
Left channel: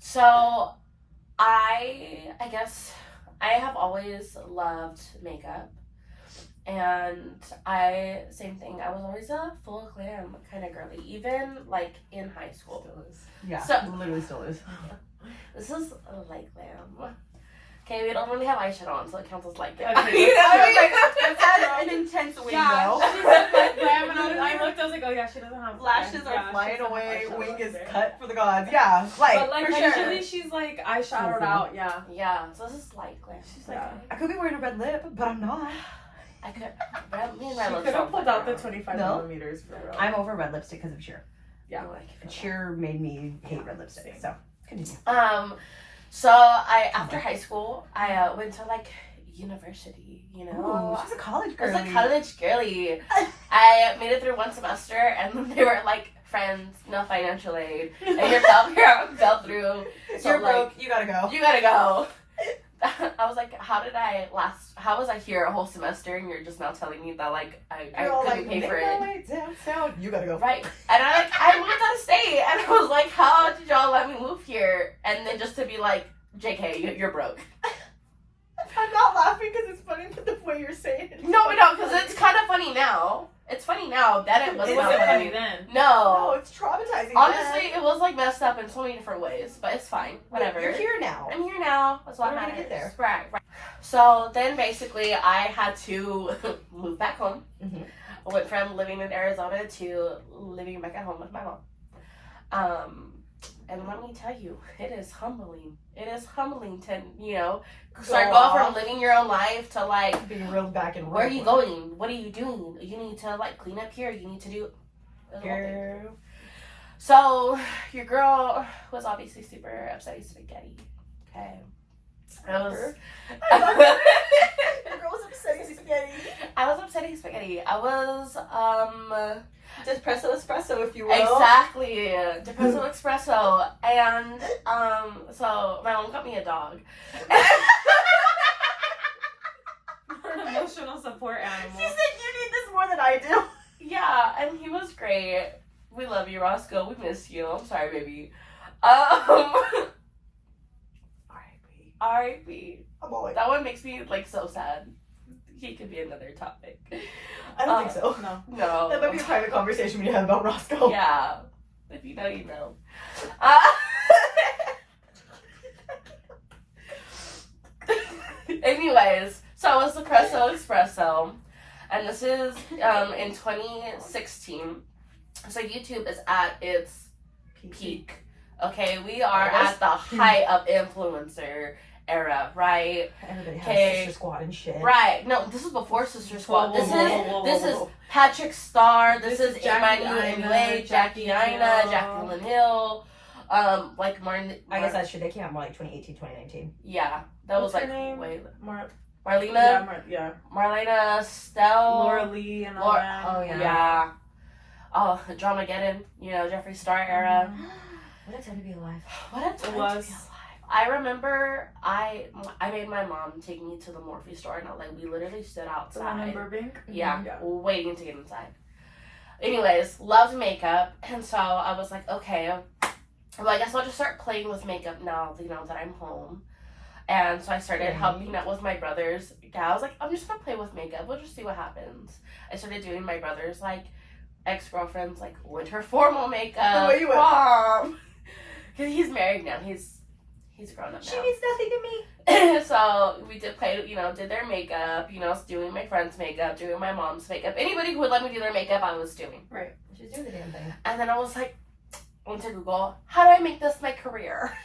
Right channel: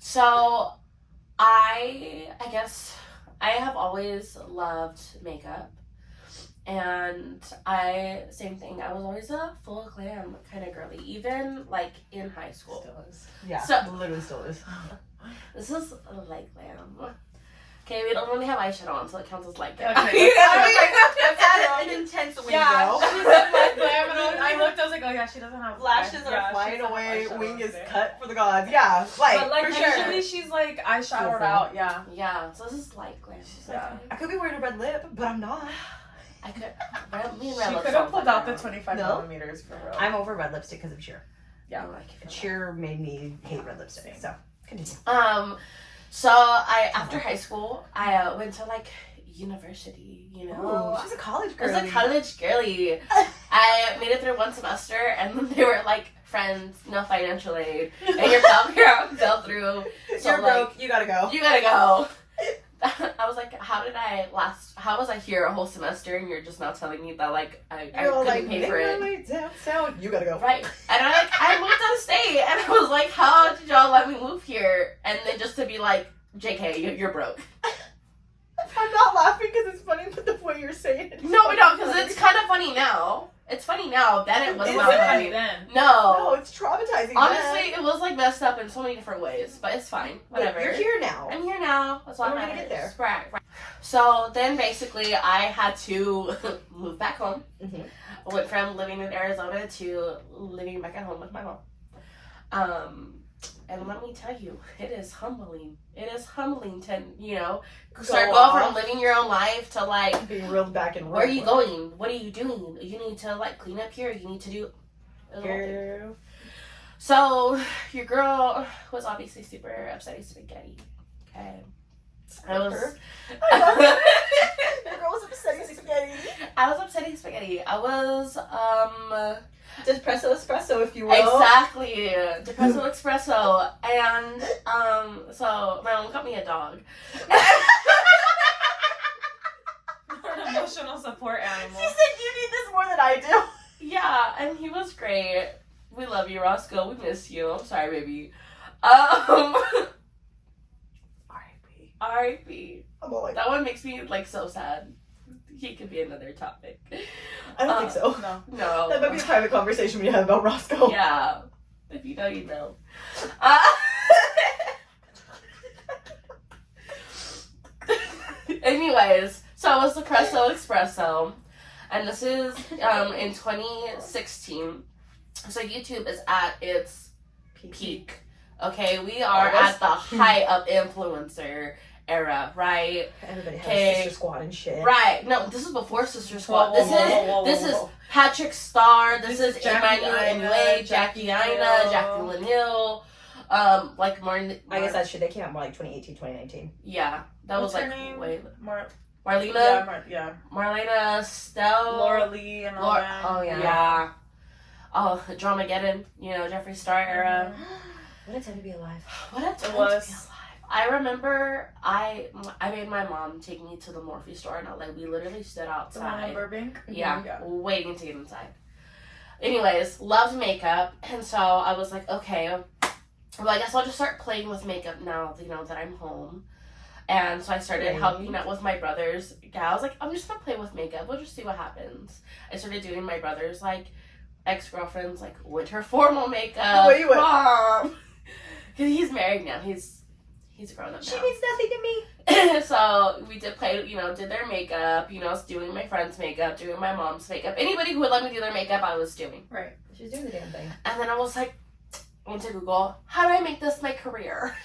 So I guess I have always loved makeup, and same thing. I was always a full glam kind of girly, even like in high school. Still is. Yeah, So- literally still is. This is light glam. Okay, we don't really have eyeshadow on, so it counts as light glam. Okay. That's an intense window. Yeah, she said like glam, and I looked, I was like, oh yeah, she doesn't have Lashes yeah, are flying she doesn't away, have wing is eyeshadow. cut for the gods. Yeah, like, But like for usually sure. she's like eyeshadowed Full. out, yeah. Yeah, so this is light glam. She's like, Yeah. I could be wearing a red lip, but I'm not. I could. Me and She red lips could have don't pulled fuck out the around. 25 No. millimeters for real. I'm over red lipstick because of Cheer. Yeah. I like it. Cheer made me hate red lipstick, so continue. So after high school, I went to like university. You know, Ooh, she's a college I was girl. a college girly. I made it through one semester, and then they were like friends, no financial aid, and your fell through. So You're like, broke, you gotta go. you gotta go. I was like, how was I here a whole semester, and you're just now telling me that like I You're all couldn't like, pay for make my it. way downtown. You gotta go. Right. And I moved out of state, and I was like, how did y'all let me move here? And then just to be like, JK, you're broke. I'm not laughing because it's funny, but the way you're saying it. No, because it's kind of funny now. It's funny now. Then it was It not wasn't funny. funny then. No, No. it's traumatizing. Honestly, it was like messed up in so many different ways, but it's fine. But Whatever. you're here now. I'm here now. That's why We're I'm gonna get there. Right. So then basically I had to move back home. Mhm. I went from living in Arizona to living back at home with my mom. And let me tell you, it is humbling. It is humbling to, start Go going off. from living your own life to like, Being reeled back and where are you going? What are you doing? You need to like clean up here. You need to do. Girl. So your girl was obviously super upsetting spaghetti. Okay. I was. I love it. Your girl was upsetting spaghetti. I was upsetting spaghetti. I was Espresso, if you will. exactly depresso espresso, and so my mom got me a dog. An emotional support animal. She said you need this more than I do. Yeah, and he was great. We love you, Roscoe. We miss you. I'm sorry, baby. R.I.P. I'm all like, That one makes me like so sad. He could be another topic. I don't think so. No. No. That might be a private conversation we have about Roscoe. Yeah. If you know, you know. Anyways, so I was Depresso Espresso, and this is in 2016. So YouTube is at its peak. Okay, we are at the height of influencer era, right? Everybody has Okay. Sister Squad and shit. Right. No, this is before Sister Squad. Whoa, whoa, This whoa, is whoa. Patrick Star. This is Jackie Emmanuel Aina, MUA, Jackie Jackie Aina, Lanill. Jackie Lanill. Like Martin. I guess that shit, they came out more like 2018, 2019. Yeah, that What's was her like name? way. Yeah, Marlena. yeah. Marlena Stell. Laura Lee and all Laura- that. Oh, yeah. Yeah. Oh, Dramageddon. Jeffree Star era. What a time to be alive. What a time was. to be alive. I remember I made my mom take me to the Morphe store in LA. We literally stood The one in outside. Burbank? Yeah, Yeah. waiting to get inside. Anyways, loved makeup, and so I was like, okay, well, I guess I'll just start playing with makeup now, that I'm home. And so I started Okay. helping out with my brothers. Yeah, I was like, I'm just gonna play with makeup. We'll just see what happens. I started doing my brother's like ex-girlfriend's like winter formal makeup. Wait, what? Prom. Because he's married now. He's grown up now. She means nothing to me. So we did play, did their makeup, doing my friend's makeup, doing my mom's makeup. Anybody who would let me do their makeup, I was doing. Right. She's doing the damn thing. And then I was like, I went to Google, how do I make this my career?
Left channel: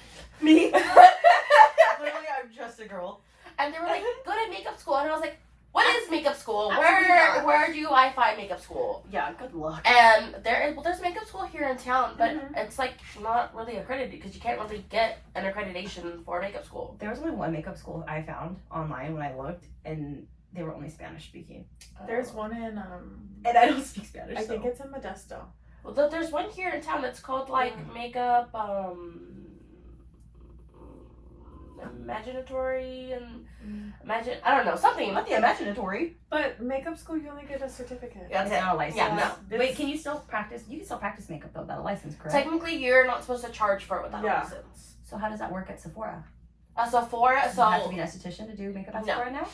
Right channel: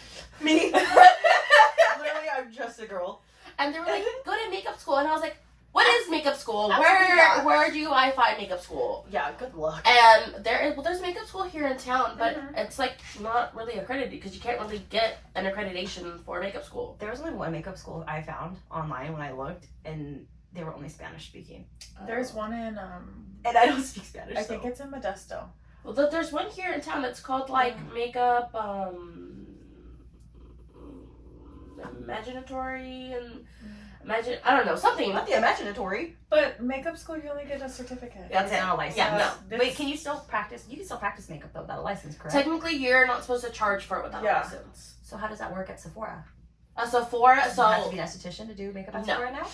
Me? Literally, I'm just a girl. and they were like, go to makeup school, and I was like, what is makeup school? Absolutely not. Where do I find makeup school? Yeah, good luck. And there's makeup school here in town, but it's like not really accredited because you can't really get an accreditation for makeup school. There was only one makeup school I found online when I looked, and they were only Spanish speaking. There's one in And I don't speak Spanish. I think it's in Modesto. Well, there's one here in town that's called like makeup imaginatory and I don't know, something. Not the imaginatory. But makeup school, you only get a certificate. Yeah, It's not a license. Yeah, no. Wait, can you still practice? You can still practice makeup though without a license, correct? Technically, you're not supposed to charge for it without Yeah. a license. So how does that work at Sephora? Sephora, Do you have to so be an esthetician to do makeup at No. Sephora now?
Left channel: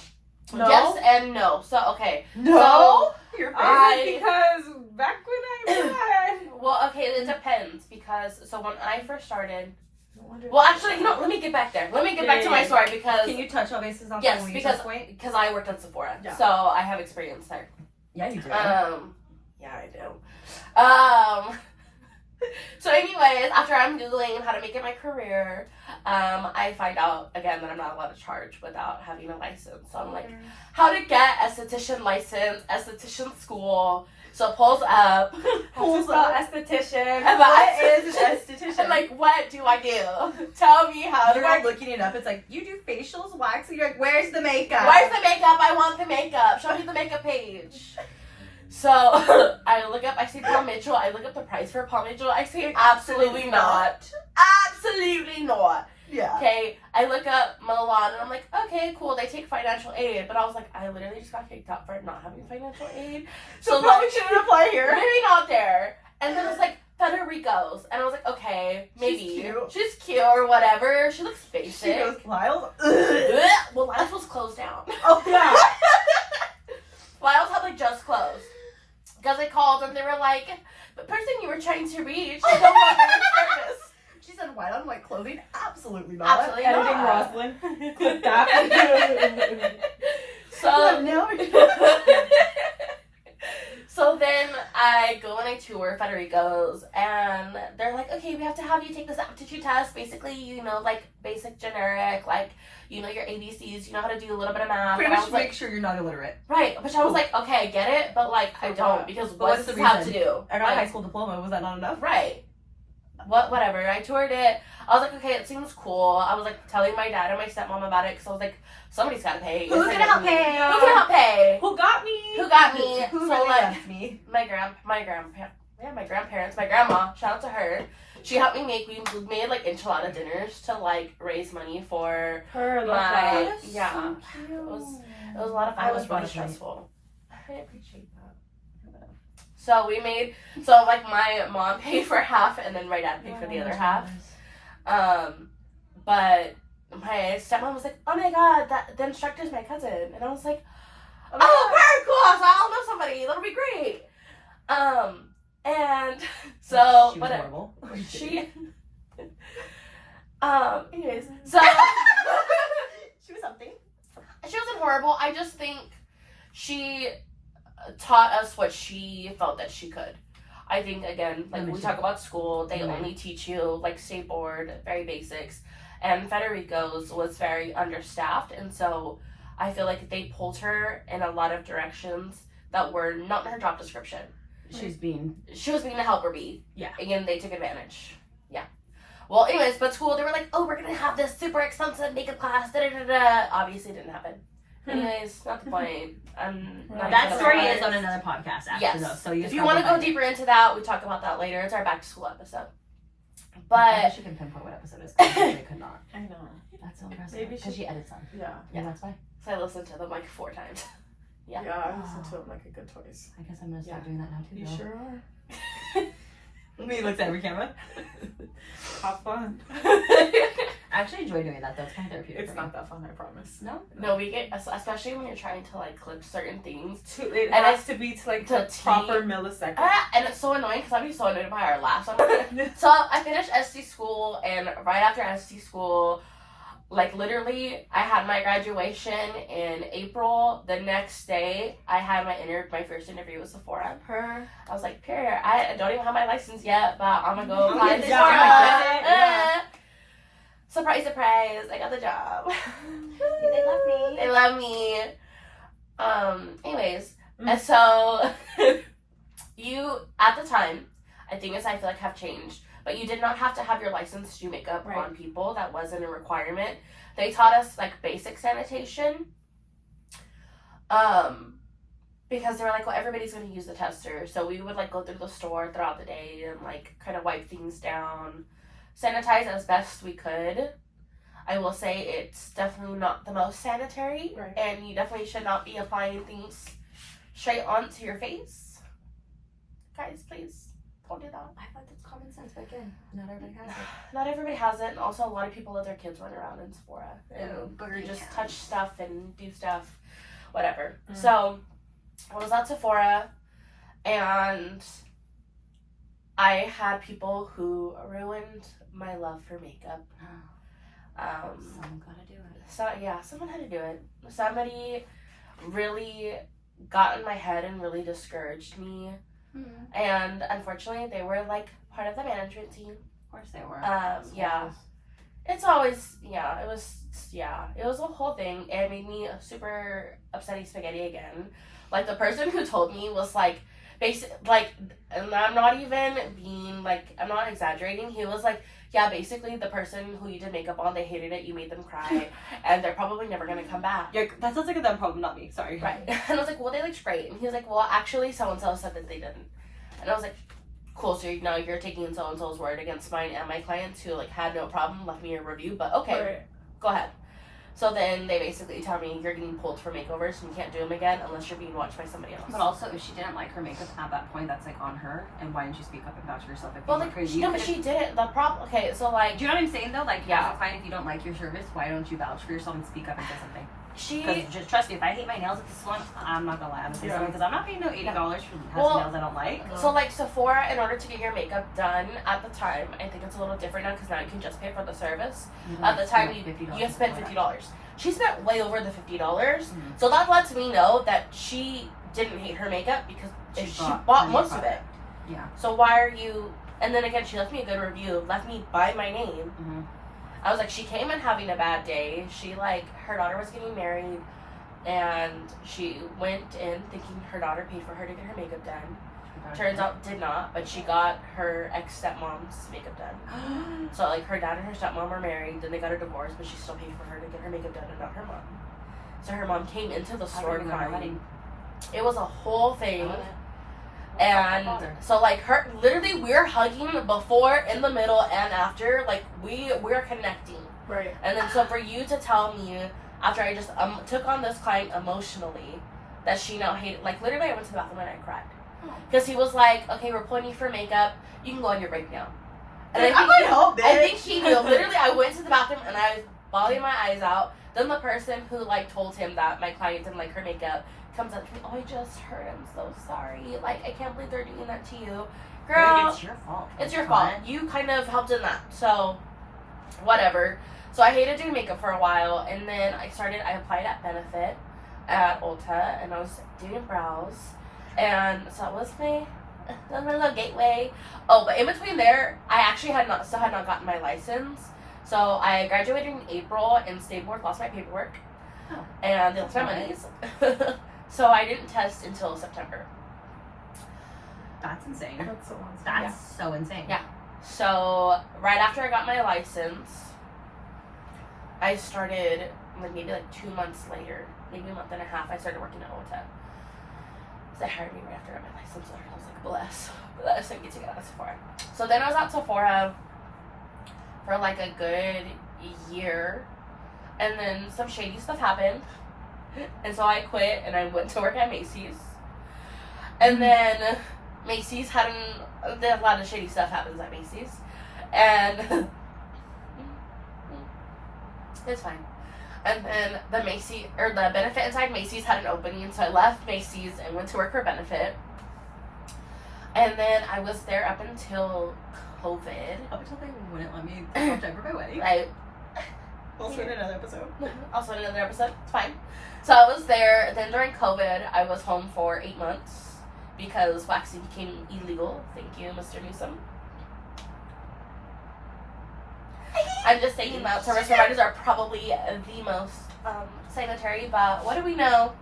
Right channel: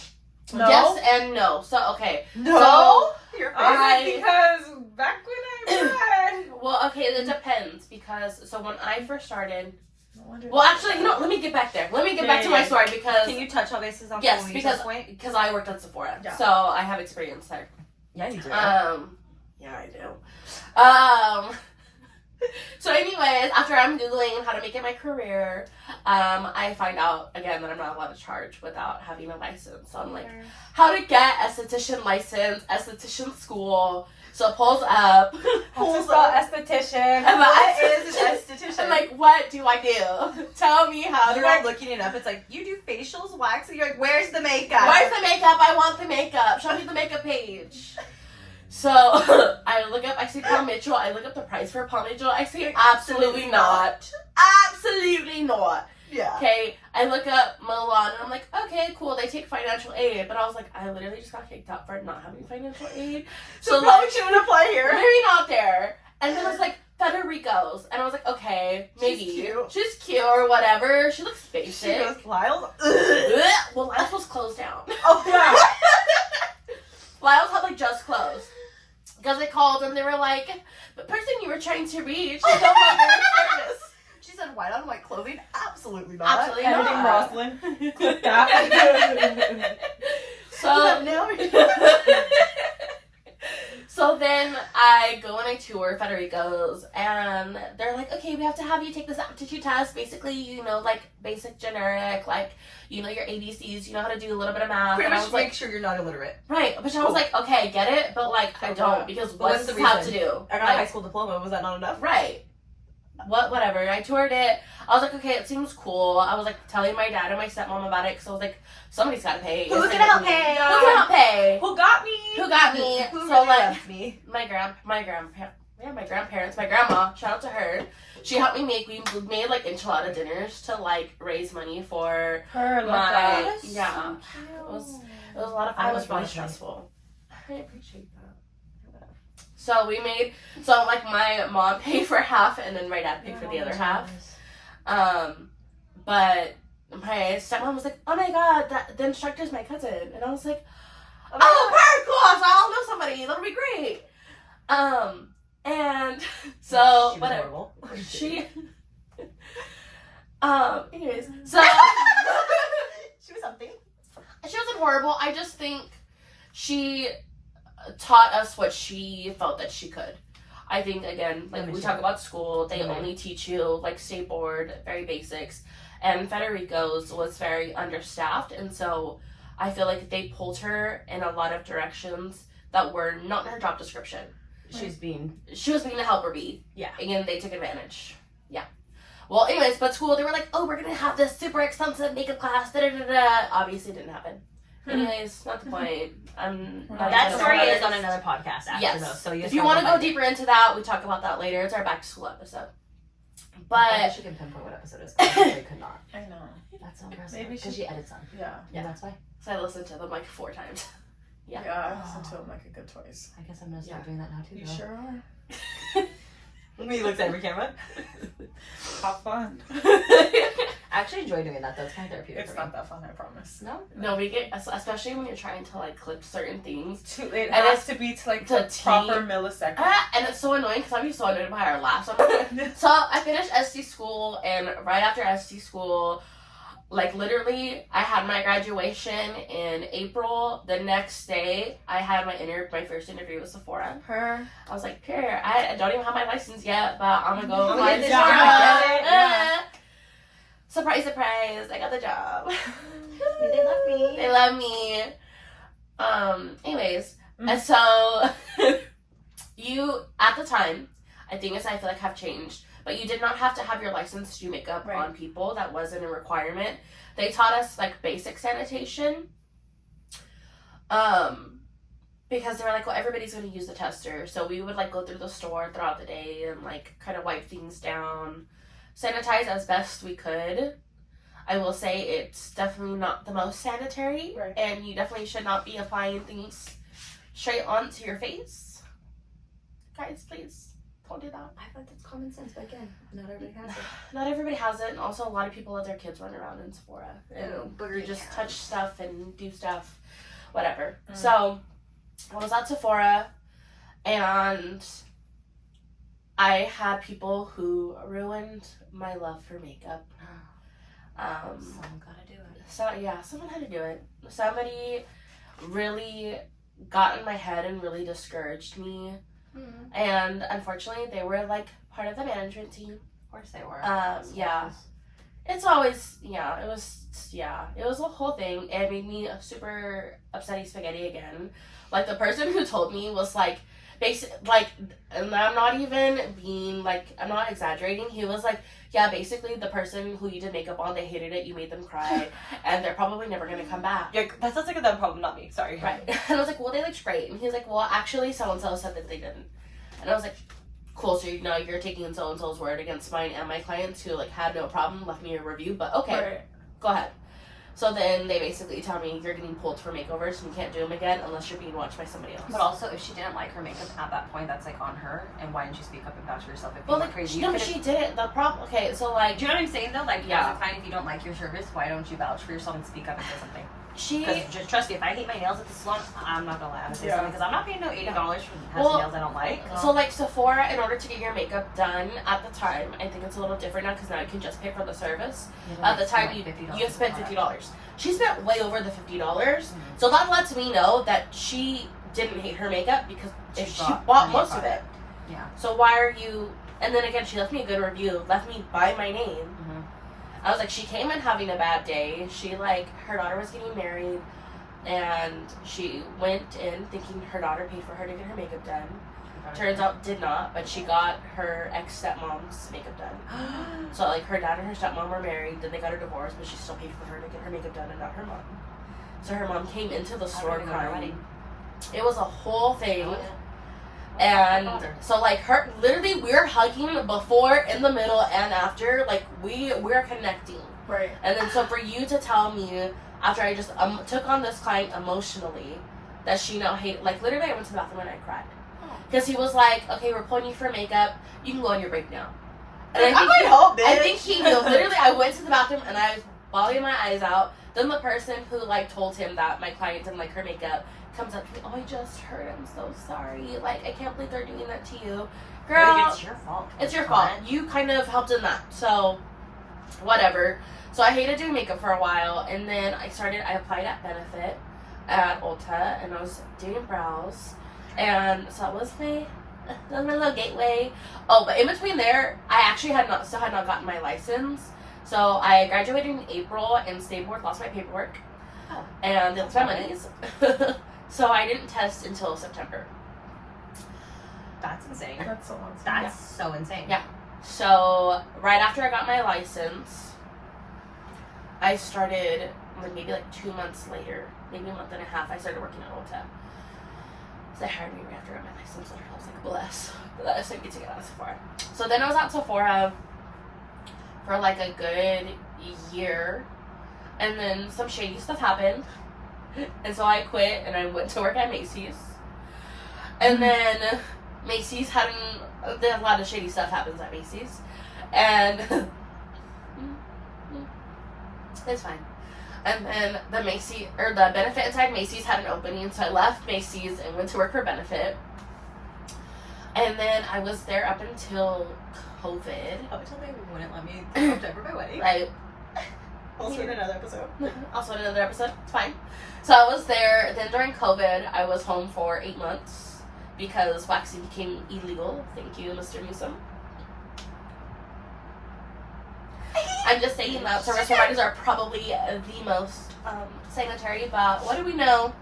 No. yes and no. So okay, No, your face. Because back when I ran. well, okay, it depends because so when I first started, No wonder well, actually, let me get back there. Let me get back to my story because Can you touch all bases on yes, when we reach because this point? I worked at Sephora, Yeah. so I have experience there. Yeah, you do. Yeah, I do. So anyways, after I'm Googling how to make it my career, I find out again that I'm not allowed to charge without having a license. So I'm like, how to get esthetician license, esthetician school. So it pulls up. Pulls up esthetician. I'm What is an esthetician? I'm like, what do I do? Tell me how do You're I like looking it up. It's like, you do facials, waxing. You're like, where's the makeup? Where's the makeup? I want the makeup. Show me the makeup page. So I look up, I see Paul Mitchell. I look up the price for Paul Mitchell. I say, absolutely not. Absolutely not. Yeah. Okay, I look up Milan and I'm like, okay, cool. They take financial aid. But I was like, I literally just got kicked out for not having financial aid. So So probably like, shouldn't apply here. maybe not there. And then it's like, Federico's. And I was like, okay, maybe. She's cute. She's cute or whatever. She looks She basic. goes, Lyle's. Well, Lyle's was closed down. Oh yeah. Lyle's had like just closed. Because they called and they were like, the person you were trying to reach is no longer in service. She said, white on white clothing? Absolutely not. Absolutely Editing not. Roslyn. Click that. So, No. so then I go and I tour Federico's and they're like, okay, we have to have you take this aptitude test. Basically, you know, like basic generic, like, you know, your ABCs, you know how to do a little bit of math. Pretty And I much was make like, sure you're not illiterate. right. But I was like, okay, I get it, but like, I don't because But what what's does the this have to reason? do? I got a Like, high school diploma. Was that not enough? right. Whatever. I toured it. I was like, okay, it seems cool. I was like telling my dad and my stepmom about it because I was like, somebody's got to pay. Who's gonna help pay? Who's gonna help pay? Who got me? Who got me? Who So really like loves me? my grandparents, my grandma. Shout out to her. She helped me make. We made like enchilada dinners to like raise money for Her. my That's yeah. so cute. It was a lot of fun. I It was was really really stressful. I appreciate that. So we made. So like my mom paid for half, and then my dad paid for the other half. But my stepmom was like, "Oh my god, the instructor's my cousin," and I was like, "Oh, very cool! So I'll know somebody. That'll be great." And so She was what? horrible. She. Anyways, so She was something. she wasn't horrible. I just think she taught us what she felt that she could. I think again, like we talk about school, they only teach you like stay bored, very basics, and Federico's was very understaffed, and so I feel like they pulled her in a lot of directions that were not in her job description. She was being. She was being the helper bee. Yeah. And they took advantage. Yeah. Well, anyways, but school, they were like, oh, we're going to have this super expensive makeup class. Da, da, da, da. Obviously, it didn't happen. Anyways, not the point. I'm not That even story gonna is on another podcast after Yes. though. So If you want to go deeper into that, we talk about that later. It's our back to school episode. But But she can pinpoint what episode it is. 'Cause I could not. I know. That's so impressive. Maybe Because she- she edits them. Yeah. Yeah, that's why. so I listened to them like 4 times. Yeah. Yeah, I listened to him like a good twice. I guess I'm gonna start Yeah. doing that now too. You girl. sure are. Me looks at every camera. Have fun. I actually enjoy doing that though. It's kind of therapeutic. It's for me. not that fun, I promise. No. No, we get, especially when you're trying to like clip certain things. It And has to be to like to the T. proper millisecond. And it's so annoying because I'm so annoyed by our laughs. I'm like, so I finished SD school, and right after SD school, like literally, I had my graduation in April. The next day, I had my first interview with Sephora. Her. I was like, "Period. I don't even have my license yet, but I'm gonna go You apply get to the Sephora." job. Yeah. Surprise, surprise! I got the job. You did love me. They love me. Anyways, Mm. and so you at the time, I feel like have changed, but you did not have to have your license to do makeup Right. on people. That wasn't a requirement. They taught us like basic sanitation. Because they were like, well, everybody's going to use the tester. So we would like go through the store throughout the day and like kind of wipe things down, sanitize as best we could. I will say it's definitely not the most sanitary, Right. and you definitely should not be applying things straight onto your face. Guys, please don't do that. I thought that's common sense, but again, not everybody has it. Not everybody has it, and also a lot of people let their kids run around in Sephora and Oh, booger you just hands. touch stuff and do stuff, whatever. Mm. So I was at Sephora, and I had people who ruined my love for makeup. Someone gotta do it. So yeah, someone had to do it. Somebody really got in my head and really discouraged me. And unfortunately, they were like part of the management team. Of course they were. Yeah. It's always, it was a whole thing. It made me super upsetty spaghetti again. Like, the person who told me was like, and I'm not even being like, I'm not exaggerating. He was like, yeah, basically the person who you did makeup on, they hated it, you made them cry, and they're probably never gonna come back. Yeah, that sounds like a them problem, not me. Sorry. Right. And I was like, well, they looked great. And he was like, well, actually, so-and-so said that they didn't. And I was like, cool, so you're taking so-and-so's word against mine and my clients who, like, had no problem, left me a review, but okay, Right. go ahead. So then they basically tell me you're getting pulled for makeovers and you can't do them again unless you're being watched by somebody else. But also, if she didn't like her makeup at that point, that's like on her. And why didn't you speak up and vouch for yourself? If you well, were like, crazy, no, you but could've- she didn't. The problem, okay, so like, Do you know what I'm saying though? Like, Yeah. as a client, if you don't like your service, why don't you vouch for yourself and speak up and say something? she, Because just trust me, if I hate my nails at the salon, I'm not gonna lie, I'm gonna say Yeah. something because I'm not paying no $80 for have Well, some nails I don't like. so like Sephora, in order to get your makeup done at the time, I think it's a little different now because now you can just pay for the service. At the time, you spent $50. She spent way over the $50. Mhm. So that lets me know that she didn't hate her makeup because if she bought plenty most of it. product. Yeah. So why are you? And then again, she left me a good review, left me by my name. Mm-hmm. I was like, she came in having a bad day. She like her daughter was getting married, and she went in thinking her daughter paid for her to get her makeup done. Turns out did not, but she got her ex stepmom's makeup done. So like her dad and her stepmom were married, then they got a divorce, but she still paid for her to get her makeup done and not her mom. So her mom came into the store crying. It was a whole thing. And so like her literally we were hugging before, in the middle, and after. Like we're connecting. Right. And then so for you to tell me after I just took on this client emotionally that she now hated, like literally I went to the bathroom and I cried. Because he was like, okay, we're pulling you for makeup. You can go on your break now. And I'm like, oh, bitch. I think he knew. Literally, I went to the bathroom and I was bawling my eyes out. Then the person who like told him that my client didn't like her makeup comes up to me. Oh, I just heard. I'm so sorry. Like, I can't believe they're doing that to you, girl. It's your fault. It's your fault. You kind of helped in that. So, whatever. So I hated doing makeup for a while, and then I applied at Benefit at Ulta, and I was doing brows. And so that was my little gateway. Oh, but in between there, I actually still had not gotten my license. So I graduated in April, and State Board lost my paperwork. Oh. And they lost my monies. So I didn't test until September. That's insane. That's so awesome. That's so insane. Yeah. So right after I got my license, I started maybe like 2 months later, maybe a month and a half, I started working at Ulta. So they hired me right after I got my license, so I was like, bless. But that was so good to get out of Sephora. So then I was at Sephora for like a good year, and then some shady stuff happened, and so I quit and I went to work at Macy's. And then Macy's a lot of shady stuff happens at Macy's, and it's fine. And then the Benefit inside Macy's had an opening, so I left Macy's and went to work for Benefit. And then I was there up until COVID. Up until they wouldn't let me come to my wedding. Right. Also in another episode. Also in another episode. It's fine. So I was there. Then during COVID, I was home for 8 months because waxing became illegal. Thank you, Mr. Newsom. I'm just saying that service providers are probably the most sanitary, but what do we know?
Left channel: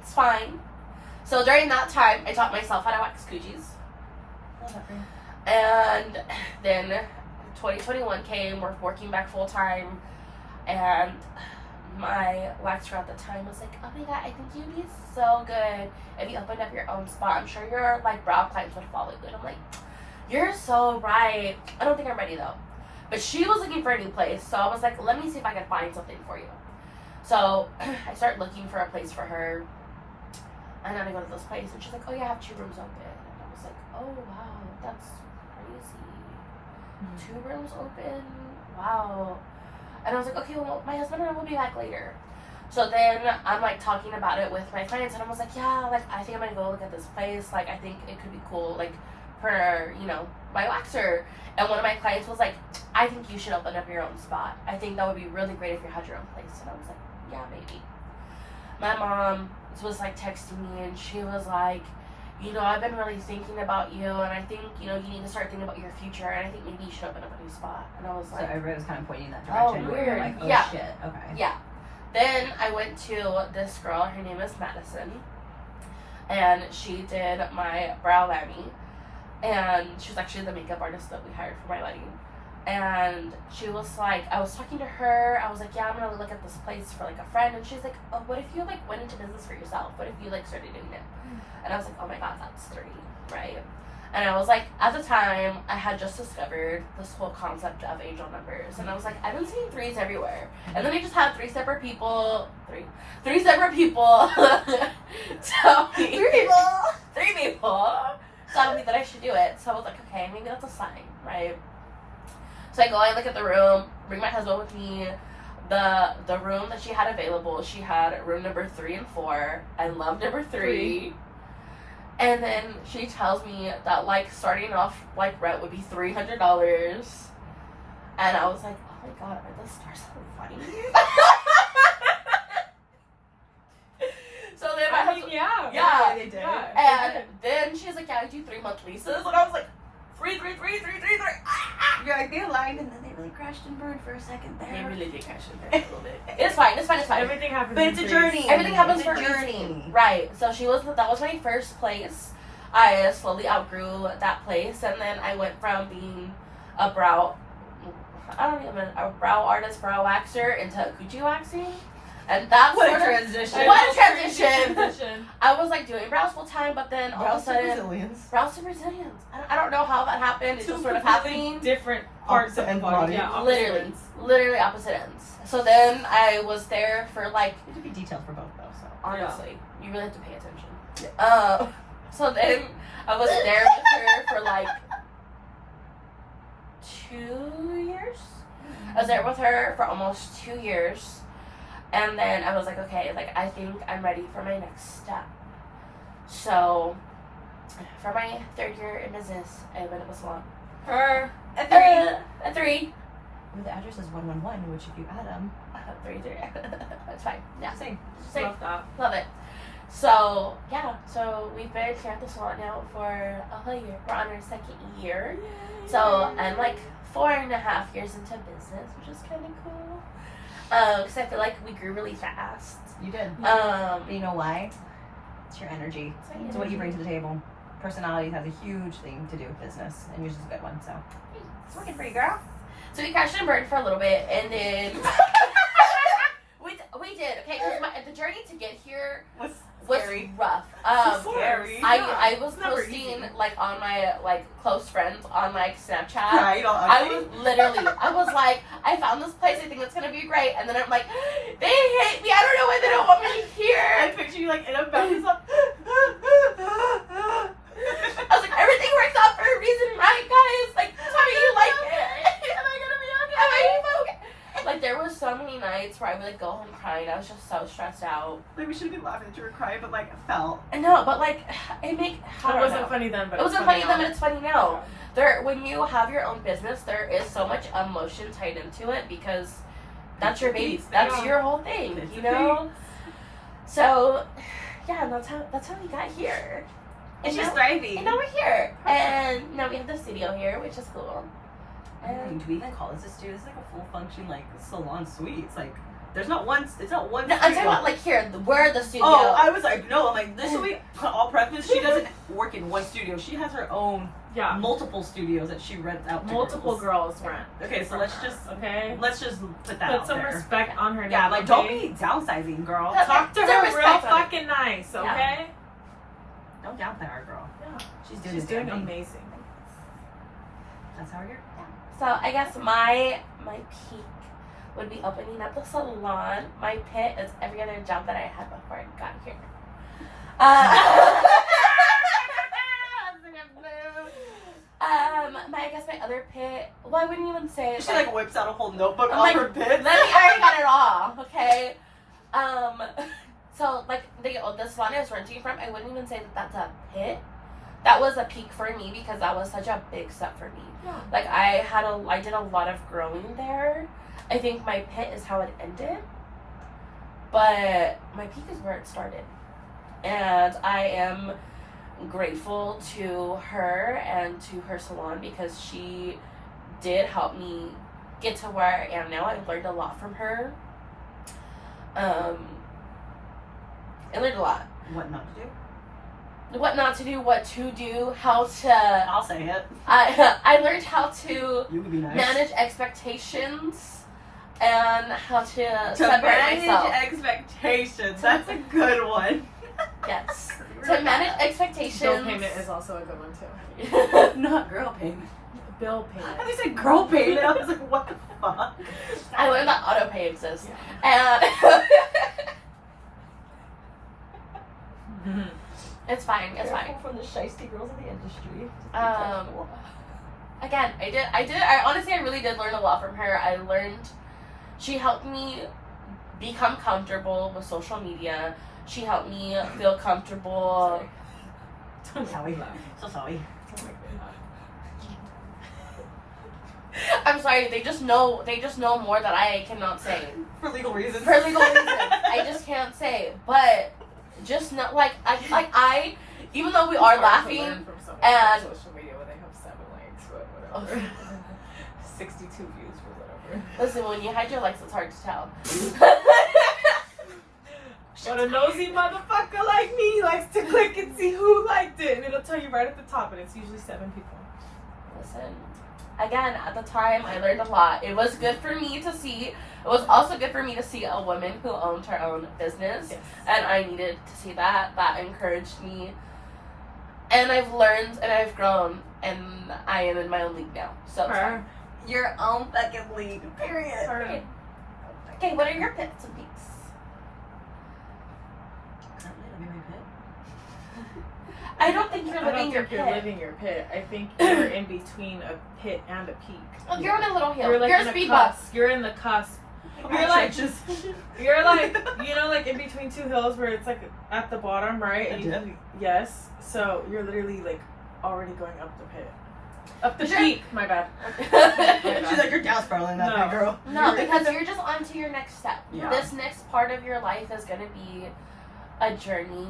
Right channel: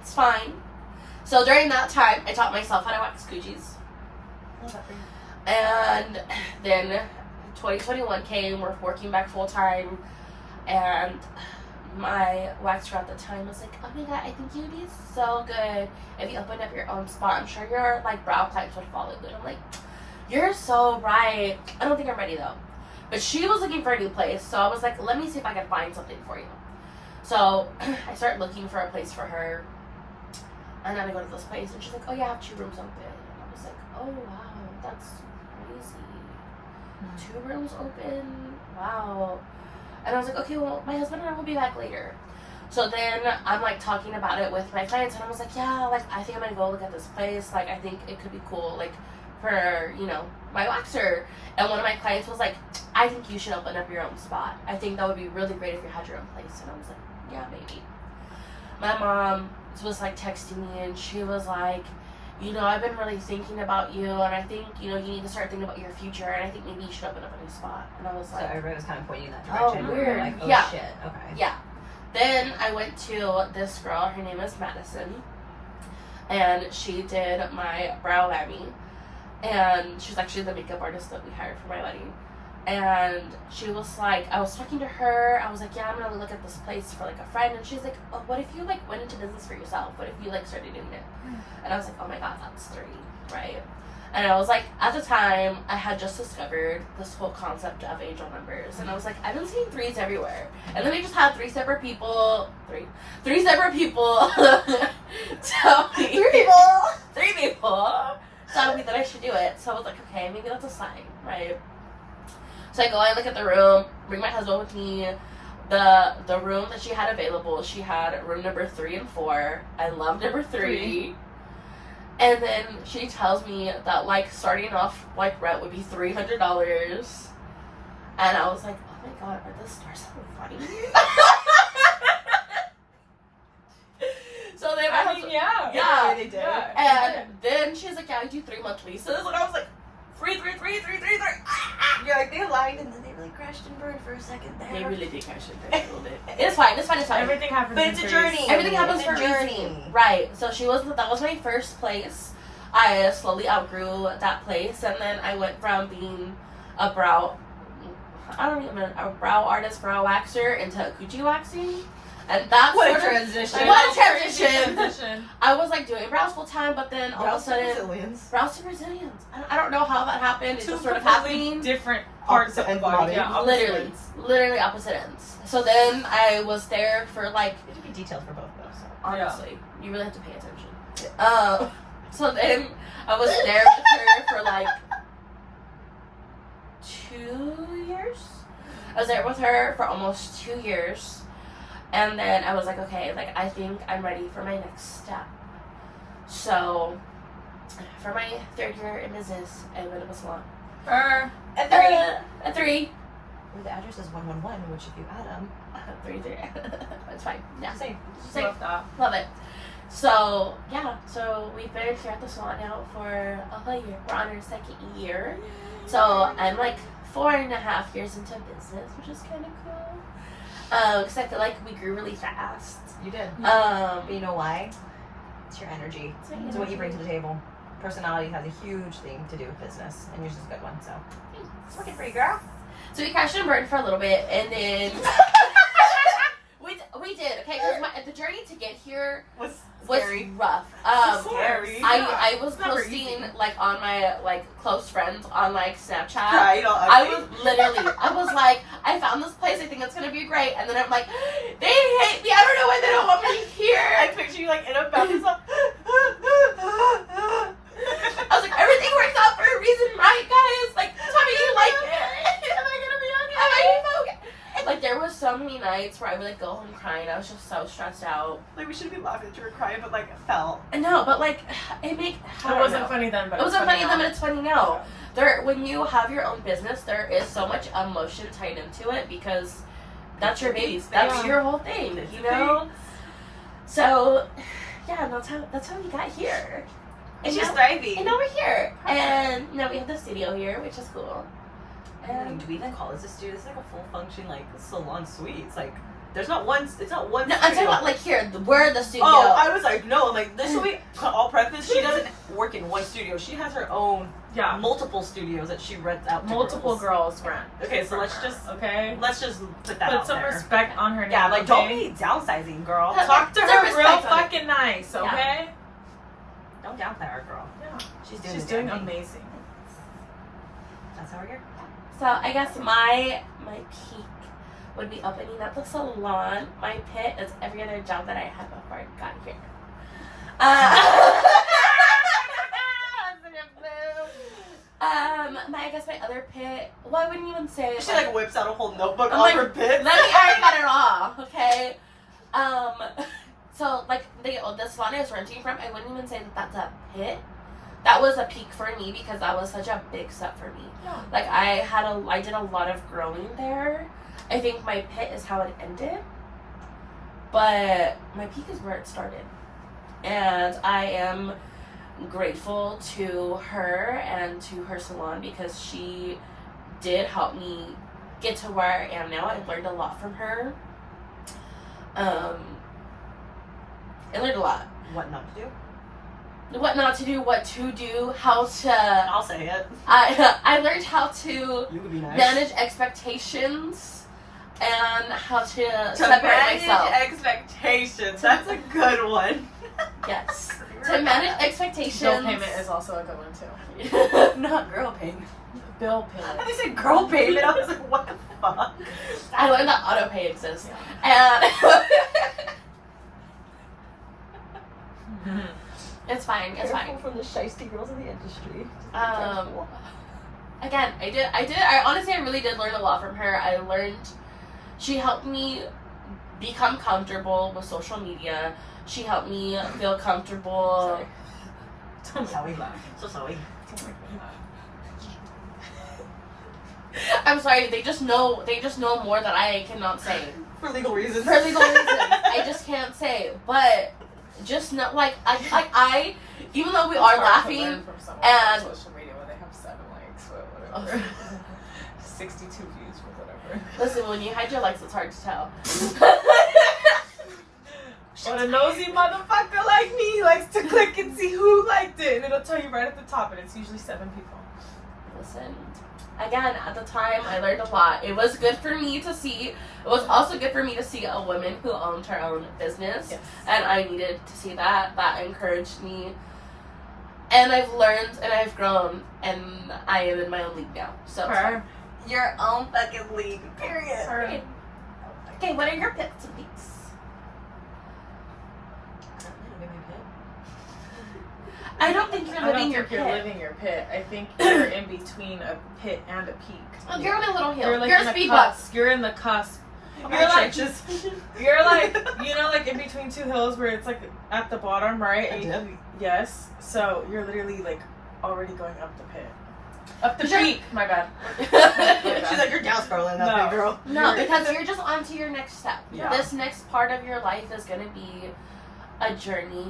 It's fine. So during that time, I taught myself how to wax coochies. Love that for you. And then 2021 came, we're working back full time, and my waxer at the time was like, oh my god, I think you'd be so good if you opened up your own spot. I'm sure your like brow clients would follow you. And I'm like, you're so right. I don't think I'm ready though. But she was looking for a new place, so I was like, let me see if I can find something for you. So I started looking for a place for her, and then I go to this place, and she's like, oh yeah, I have 2 rooms open. And I was like, oh wow, that's crazy. 2 rooms open? Wow. And I was like, okay, well, my husband and I will be back later. So then I'm like talking about it with my clients, and I was like, yeah, like I think I'm gonna go look at this place. Like I think it could be cool, like for, you know, my waxer. And one of my clients was like, I think you should open up your own spot. I think that would be really great if you had your own place. And I was like, yeah, maybe. My mom was like texting me, and she was like, you know, I've been really thinking about you, and I think, you know, you need to start thinking about your future, and I think maybe you should open up a new spot. And I was So like, everybody was kind of pointing in that oh, direction. Where you're weird. like, oh Yeah. shit. Okay. yeah. Then I went to this girl, her name is Madison, and she did my brow lamming, and she's actually the makeup artist that we hired for my wedding. And she was like, I was talking to her, I was like, yeah, I'm gonna look at this place for like a friend, and she's like, oh, what if you like went into business for yourself? What if you like started doing it? And I was like, oh my god, that's 30, right? And I was like, at the time, I had just discovered this whole concept of angel numbers, and I was like, I've been seeing 3s everywhere. And then I just had three separate people tell me, 3 people tell me that I should do it. So I was like, okay, maybe that's a sign, right? So I go, I look at the room, bring my husband with me. The room that she had available, she had room number 3 and 4. I love number 3. And then she tells me that like starting off like rent would be $300. And I was like, oh my god, are the stars so funny? So then I mean, yeah. Yeah, they did. Yeah, and then she was like, yeah, I do 3-month leases. And I was like, 3. You're like, they lied and then they really crashed and burned for a second there. They really did catch it a little bit. It's fine. everything happens. But in it's a threes. journey. Everything happens It's for a a journey. reason. Right. So that was my first place. I slowly outgrew that place, and then I went from being a brow artist, brow waxer into coochie waxing. And that's What a sort of- transition. What a Crazy transition. transition. I was like doing brows full time, but then all of a sudden, Brazilians. brows to Brazilians. I don't know how that happened. It's Two just sort of completely happening. different parts of Opposite the ends body. body. Yeah, opposite Literally, ends. literally opposite ends. So then I was there for like, It could be detailed for both though. So. honestly, you really have to pay attention. So then I was there with her for like 2 years. I was there with her for almost 2 years. And then I was like, okay, like I think I'm ready for my next step. So for my 3rd year in business, I opened up a salon. A 3. Well, the address is 111, which if you add them, 3. It's fine. Yeah. same. Same. Love that. Love it. So, yeah. So, we've been here at the salon now for a whole year. We're on our 2nd year. So, I'm like 4.5 years into business, which is kind of cool. Because I feel like we grew really fast. You did. But But you know why? It's your energy. It's what you bring to the table. Personality has a huge thing to do with business, and yours is a good one. So it's working for you, girl. So, we crashed and burned for a little bit, and then we did. Okay, 'cause the journey to get here Was was scary. rough. Scary. I was Never posting easy. like on my like close friends on like Snapchat. Right, all I ugly. was literally, I was like, I found this place, I think it's gonna be great, and then I'm like, they hate me, I don't know why they don't want me I here. picture you like in a bathroom. I was like, everything works out for a reason, right, guys? Like, tell me you like it. Am I gonna be okay? Am I okay? Like, there was so many nights where I would like go home crying. I was just so stressed out. Like we shouldn't be laughing that you were crying, but like felt. No, but like, it It wasn't funny then, but It wasn't funny then, now. but it's funny now. When you have your own business, there is so much emotion tied into it because that's your baby. That's Yeah. your whole thing, It's you a know? So, yeah, that's how we got here. It's And just now, thriving. and now we're here. And now we have the studio here, which is cool. And do we even call this a studio? This is like a full function like salon suite. It's like there's not one. It's not one. no, I'm talking about like here. We're the studio. Oh, I was like, no, I'm like, this will be all preface. She doesn't work in one studio. She has her own multiple studios that she rents out to multiple girls rent. Okay, so let's just put that Put out some there. respect on her name. Yeah, like don't be downsizing, girl. Talk to Some her real respect on it. fucking nice, okay? Don't downplay our girl. Yeah. She's doing amazing. amazing. That's how we're here. So I guess my peak would be opening up the salon. My pit is every other job that I had before I got here. I guess my other pit. Well, I wouldn't even say. She like whips out a whole notebook I'm off like, her pit. Let me. I already got it all. Okay. So like the salon I was renting from, I wouldn't even say that that's a pit. That was a peak for me because that was such a big step for me. Yeah. Like I did a lot of growing there. I think my pit is how it ended, but my peak is where it started, and I am grateful to her and to her salon because she did help me get to where I am now. I learned a lot from her. I learned a lot. What not to do? What not to do, what to do, how to. I'll say it. I learned how to You could be nice. manage expectations and how to To separate manage myself. expectations. That's a good one. Yes. To manage Bill expectations. payment is also a good one too. Not girl payment. Bill I payment. they said girl payment. I was like, what the fuck? I learned that auto pay exists. And it's fine. It's fine. From the shiesty girls of the industry. Again, I honestly, I really did learn a lot from her. I learned, she helped me become comfortable with social media. She helped me feel comfortable. I'm sorry. So sorry. I'm sorry, they just know more that I cannot say. For legal reasons. For legal reasons. I just can't say. But just not like I even though we are laughing and social media when they have 7 likes, but whatever. 62 views or whatever. listen, when you hide your likes, it's hard to tell. But a nosy motherfucker like me likes to click and see who liked it, and it'll tell you right at the top, and it's usually 7 people. Listen, again, at the time, I learned a lot. It was good for me to see. It was also good for me to see a woman who owned her own business, Yes. and I needed to see that. That encouraged me. And I've learned, and I've grown, and I am in my own league now. So, it's fine. Your own fucking league. Period. Alright. Okay, what are your pits and peaks? I don't think you're I don't living your think you're pit. living your pit. I think you're in between a pit and a peak. Oh, you're on a little hill. You're like You're in a the speed bump. cusp. You're in the cusp. You're You're like, just you're like, you know, like in between 2 hills where it's like at the bottom, right? a And you- Debbie. yes. So you're literally like already going up the pit. Up the Sure. peak. My bad. She's like, you're down spiraling that No. big girl. No, because you're just on to your next step. Yeah. This next part of your life is going to be a journey,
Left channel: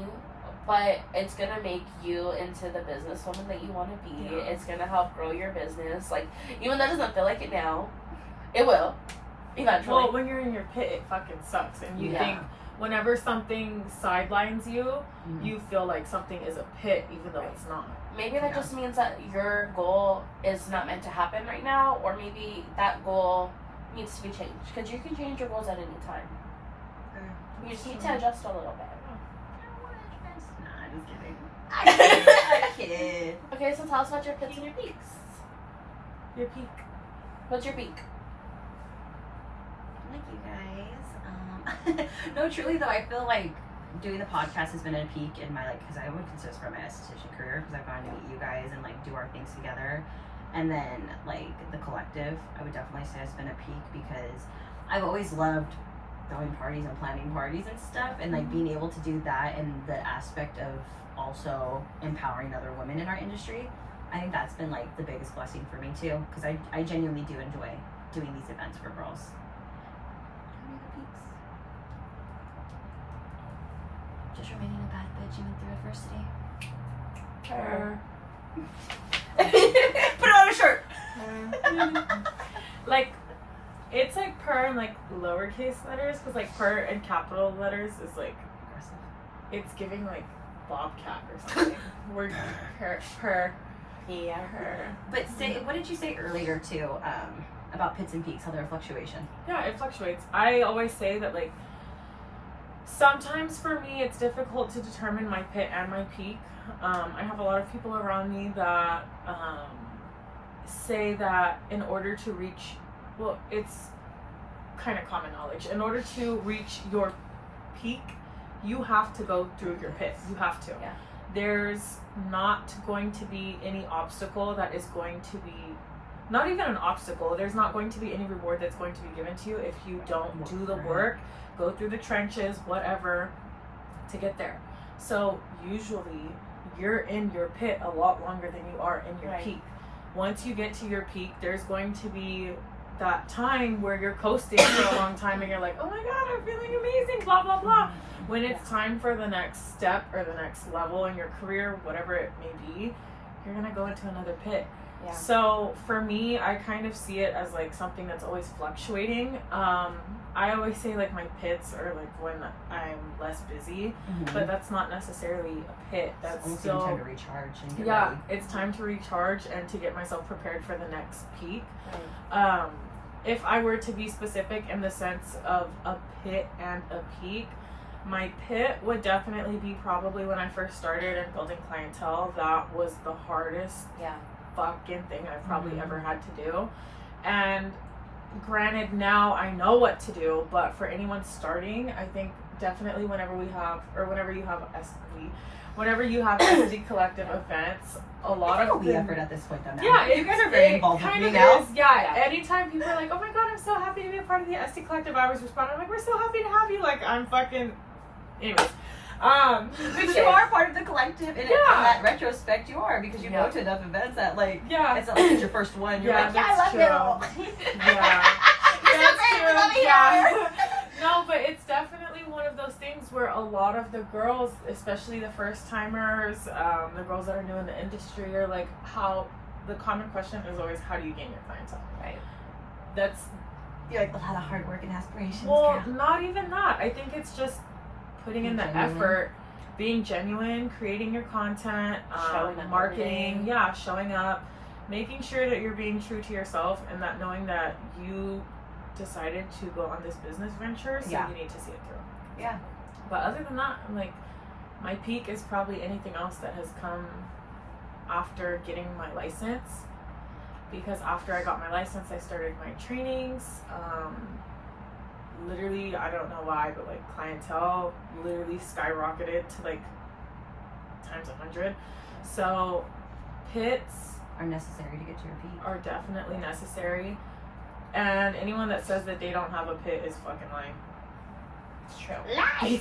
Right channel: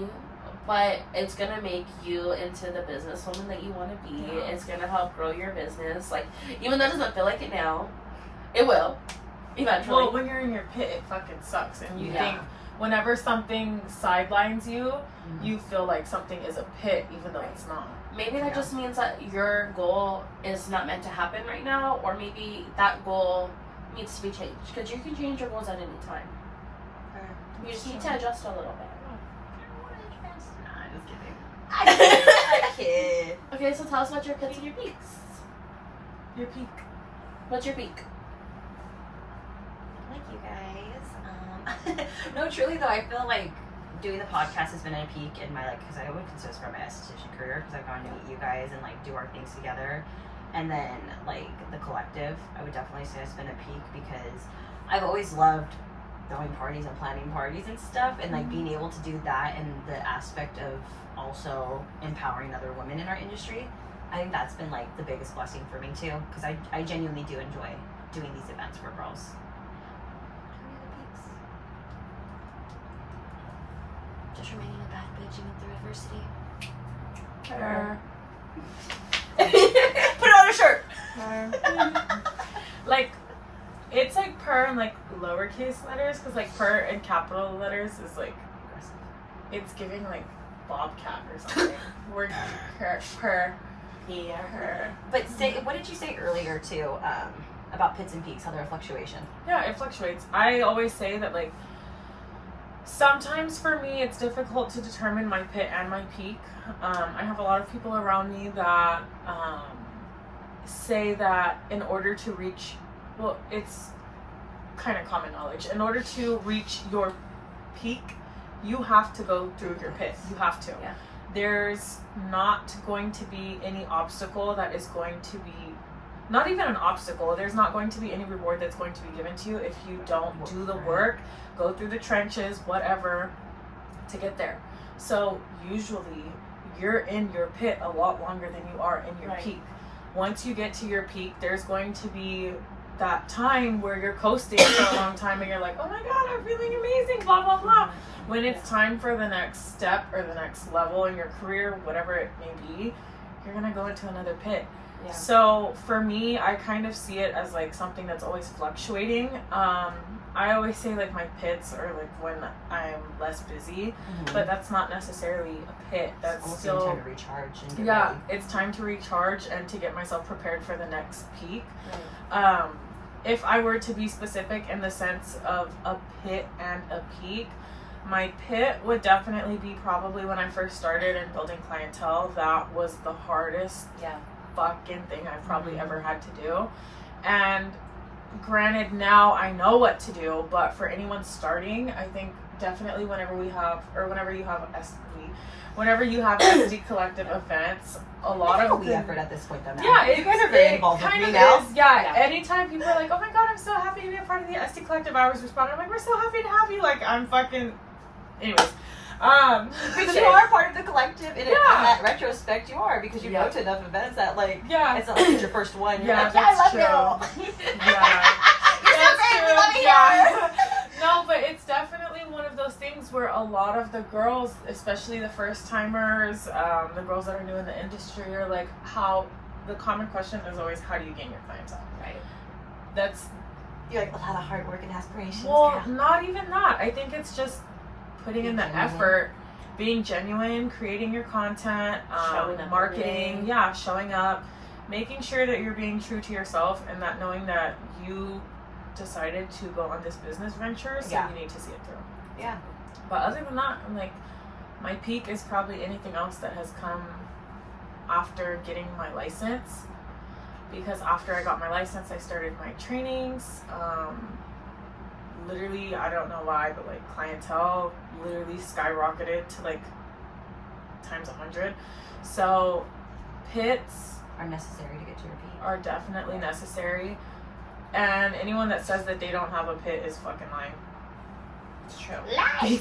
but it's going to make you into the businesswoman that you want to be. Yeah. It's going to help grow your business. Like, even though it doesn't feel like it now, it will. Eventually. Well, when you're in your pit, it fucking sucks, and you Yeah. think whenever something sidelines you, you feel like something is a pit, even though it's not. Maybe that just means that your goal is not meant to happen right now, or maybe that goal needs to be changed. Because you can change your goals at any time. You just need to adjust a little bit. Nah, just kidding. I kid. Okay, so tell us about your pits and your peaks. Your peak. What's your peak? Like you guys. No, truly though, I feel like doing the podcast has been a peak in my because I would consider this for my esthetician career because I've gotten to meet you guys and like do our things together, and then like the collective, I would definitely say has been a peak because I've always loved throwing parties and planning parties and stuff, and like being able to do that and the aspect of also empowering other women in our industry. I think that's been like the biggest blessing for me too because I genuinely do enjoy doing these events for girls. Just remaining a bad bitch even through adversity. Her. Put it on a shirt. Like, it's like per in like lowercase letters, because like per in capital letters is like Aggressive. it's giving like bobcat or something. We're per. Yeah. Per. But what did you say earlier too about pits and peaks, how they're a fluctuation? Yeah, it fluctuates. I always say that like sometimes for me it's difficult to determine my pit and my peak. I have a lot of people around me that say that in order to reach, well, it's kind of common knowledge, in order to reach your peak, you have to go through your pit. You have to. Yeah. There's not going to be any obstacle that is going to be, not even an obstacle, there's not going to be any reward that's going to be given to you if you don't do the work, go through the trenches, whatever, to get there. So usually you're in your pit a lot longer than you are in your peak. Once you get to your peak, there's going to be that time where you're coasting for a long time and you're like, oh my god, I'm feeling amazing, blah blah blah. When it's time for the next step or the next level in your career, whatever it may be, you're gonna go into another pit. Yeah. So for me, I kind of see it as like something that's always fluctuating. I always say like my pits are like when I'm less busy, but that's not necessarily a pit. That's almost still time to recharge and get yeah, ready. it's time to recharge and to get myself prepared for the next peak. If I were to be specific in the sense of a pit and a peak, my pit would definitely be probably when I first started and building clientele. That was the hardest fucking thing I've probably ever had to do. And granted, now I know what to do, but for anyone starting, I think definitely whenever you have SD collective events, a lot of the effort at this point though now. yeah, you guys are very involved with kind me of now. is, yeah. Anytime people are like, oh my god, I'm so happy to be a part of the SD collective, I always respond, I'm like, we're so happy to have you. Like, I'm fucking anyways. But you are part of the collective in that retrospect. You are, because you go to enough events that like it's not like it's your first one. You're like, that's I love true. you. That's true. Yeah. No, but it's definitely one of those things where a lot of the girls, especially the first timers, the girls that are new in the industry, are like, how the common question is always, how do you gain your clientele? Right. That's You're like, a lot of hard work and aspirations. well, girl. not even that. I think it's just putting in the effort, being genuine, creating your content, Showing up marketing, showing up, making sure that you're being true to yourself, and that knowing that you decided to go on this business venture, so you need to see it through. Yeah. But other than that, I'm like, my peak is probably anything else that has come after getting my license. Because after I got my license, I started my trainings. Literally, I don't know why, but like clientele literally skyrocketed to like times 100. So pits are necessary to get to your peak. are definitely necessary. And anyone that says that they don't have a pit is fucking lying. It's true. Lies.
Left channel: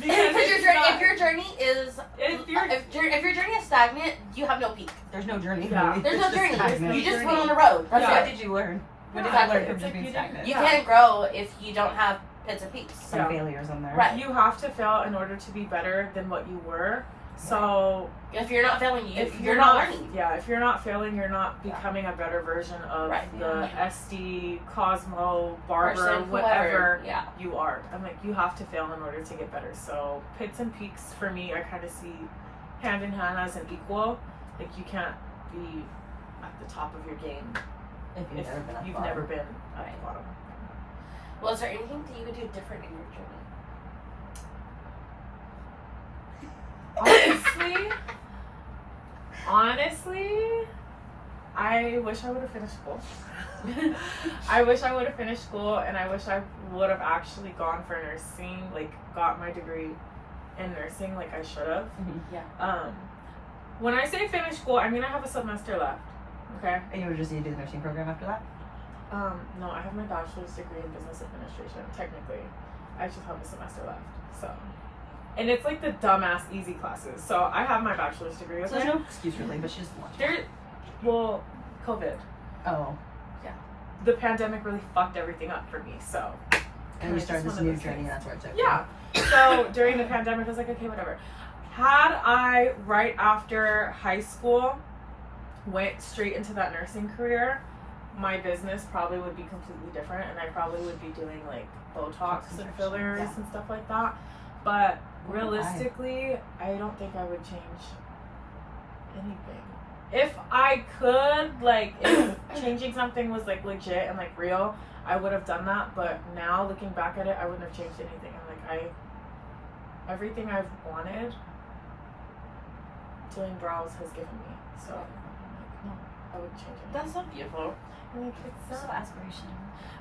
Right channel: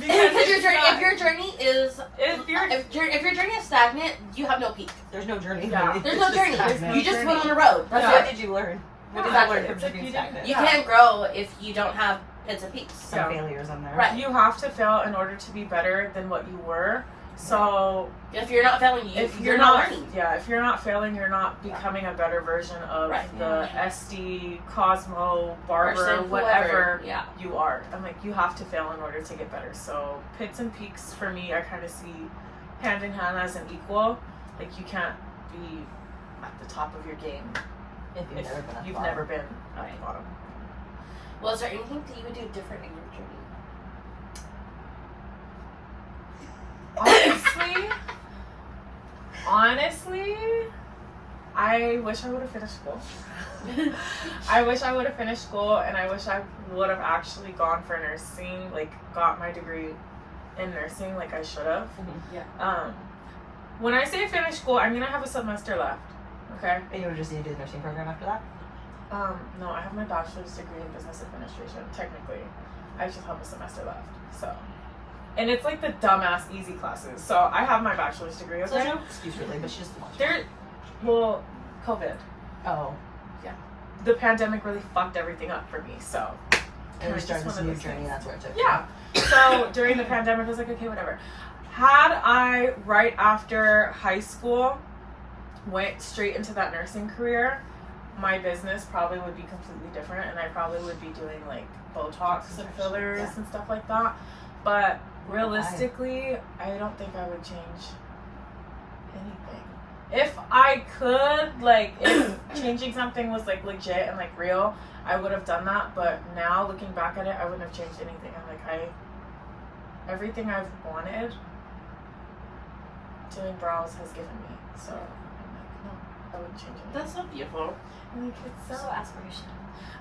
Because your journey, if your journey is if your journey is stagnant, you have no peak. There's no journey. Yeah. really. There's It's no just journey. stagnant. You just went on the road. That's What it. did you learn? What did Exactly. you learn from It's just like being you didn't- stagnant? You can't grow if you don't have pits and peaks. Some failures on there. Right. You have to fail in order to be better than what you were. So If you're not failing, if you're not learning. Yeah, if you're not failing, you're not becoming a better version of the SD, Cosmo, Barbara, Person, whatever whoever. Yeah. you are. I'm like, you have to fail in order to get better. So pits and peaks for me, I kind of see hand in hand as an equal. Like, you can't be at the top of your game If you've if never been at the you've bottom. never been at the bottom. Well, is there anything that you would do different in your journey? Honestly, I wish I would have finished school. I wish I would have finished school, and I wish I would have actually gone for nursing, like got my degree in nursing like I should have. Yeah. When I say finish school, I mean I have a semester left. Okay. And you would just need to do the nursing program after that? No, I have my bachelor's degree in business administration, technically. I just have a semester left, so. And it's like the dumbass easy classes. So I have my bachelor's degree. So there's no excuse really, but she just watched. Well, COVID. Oh. The pandemic really fucked everything up for me, so. And you started this new journey, and that's where it took you. Yeah. So during the pandemic, I was like, okay, whatever. Had I, right after high school, went straight into that nursing career, my business probably would be completely different, and I probably would be doing like Botox and fillers and stuff like that. But realistically, I don't think I would change anything. If I could, like, if changing something was like legit and like real, I would have done that. But now looking back at it, I wouldn't have changed anything. I'm like, everything I've wanted doing brows has given me. So I'm like, no, I wouldn't change it. That's so beautiful. Like, it's So aspirational.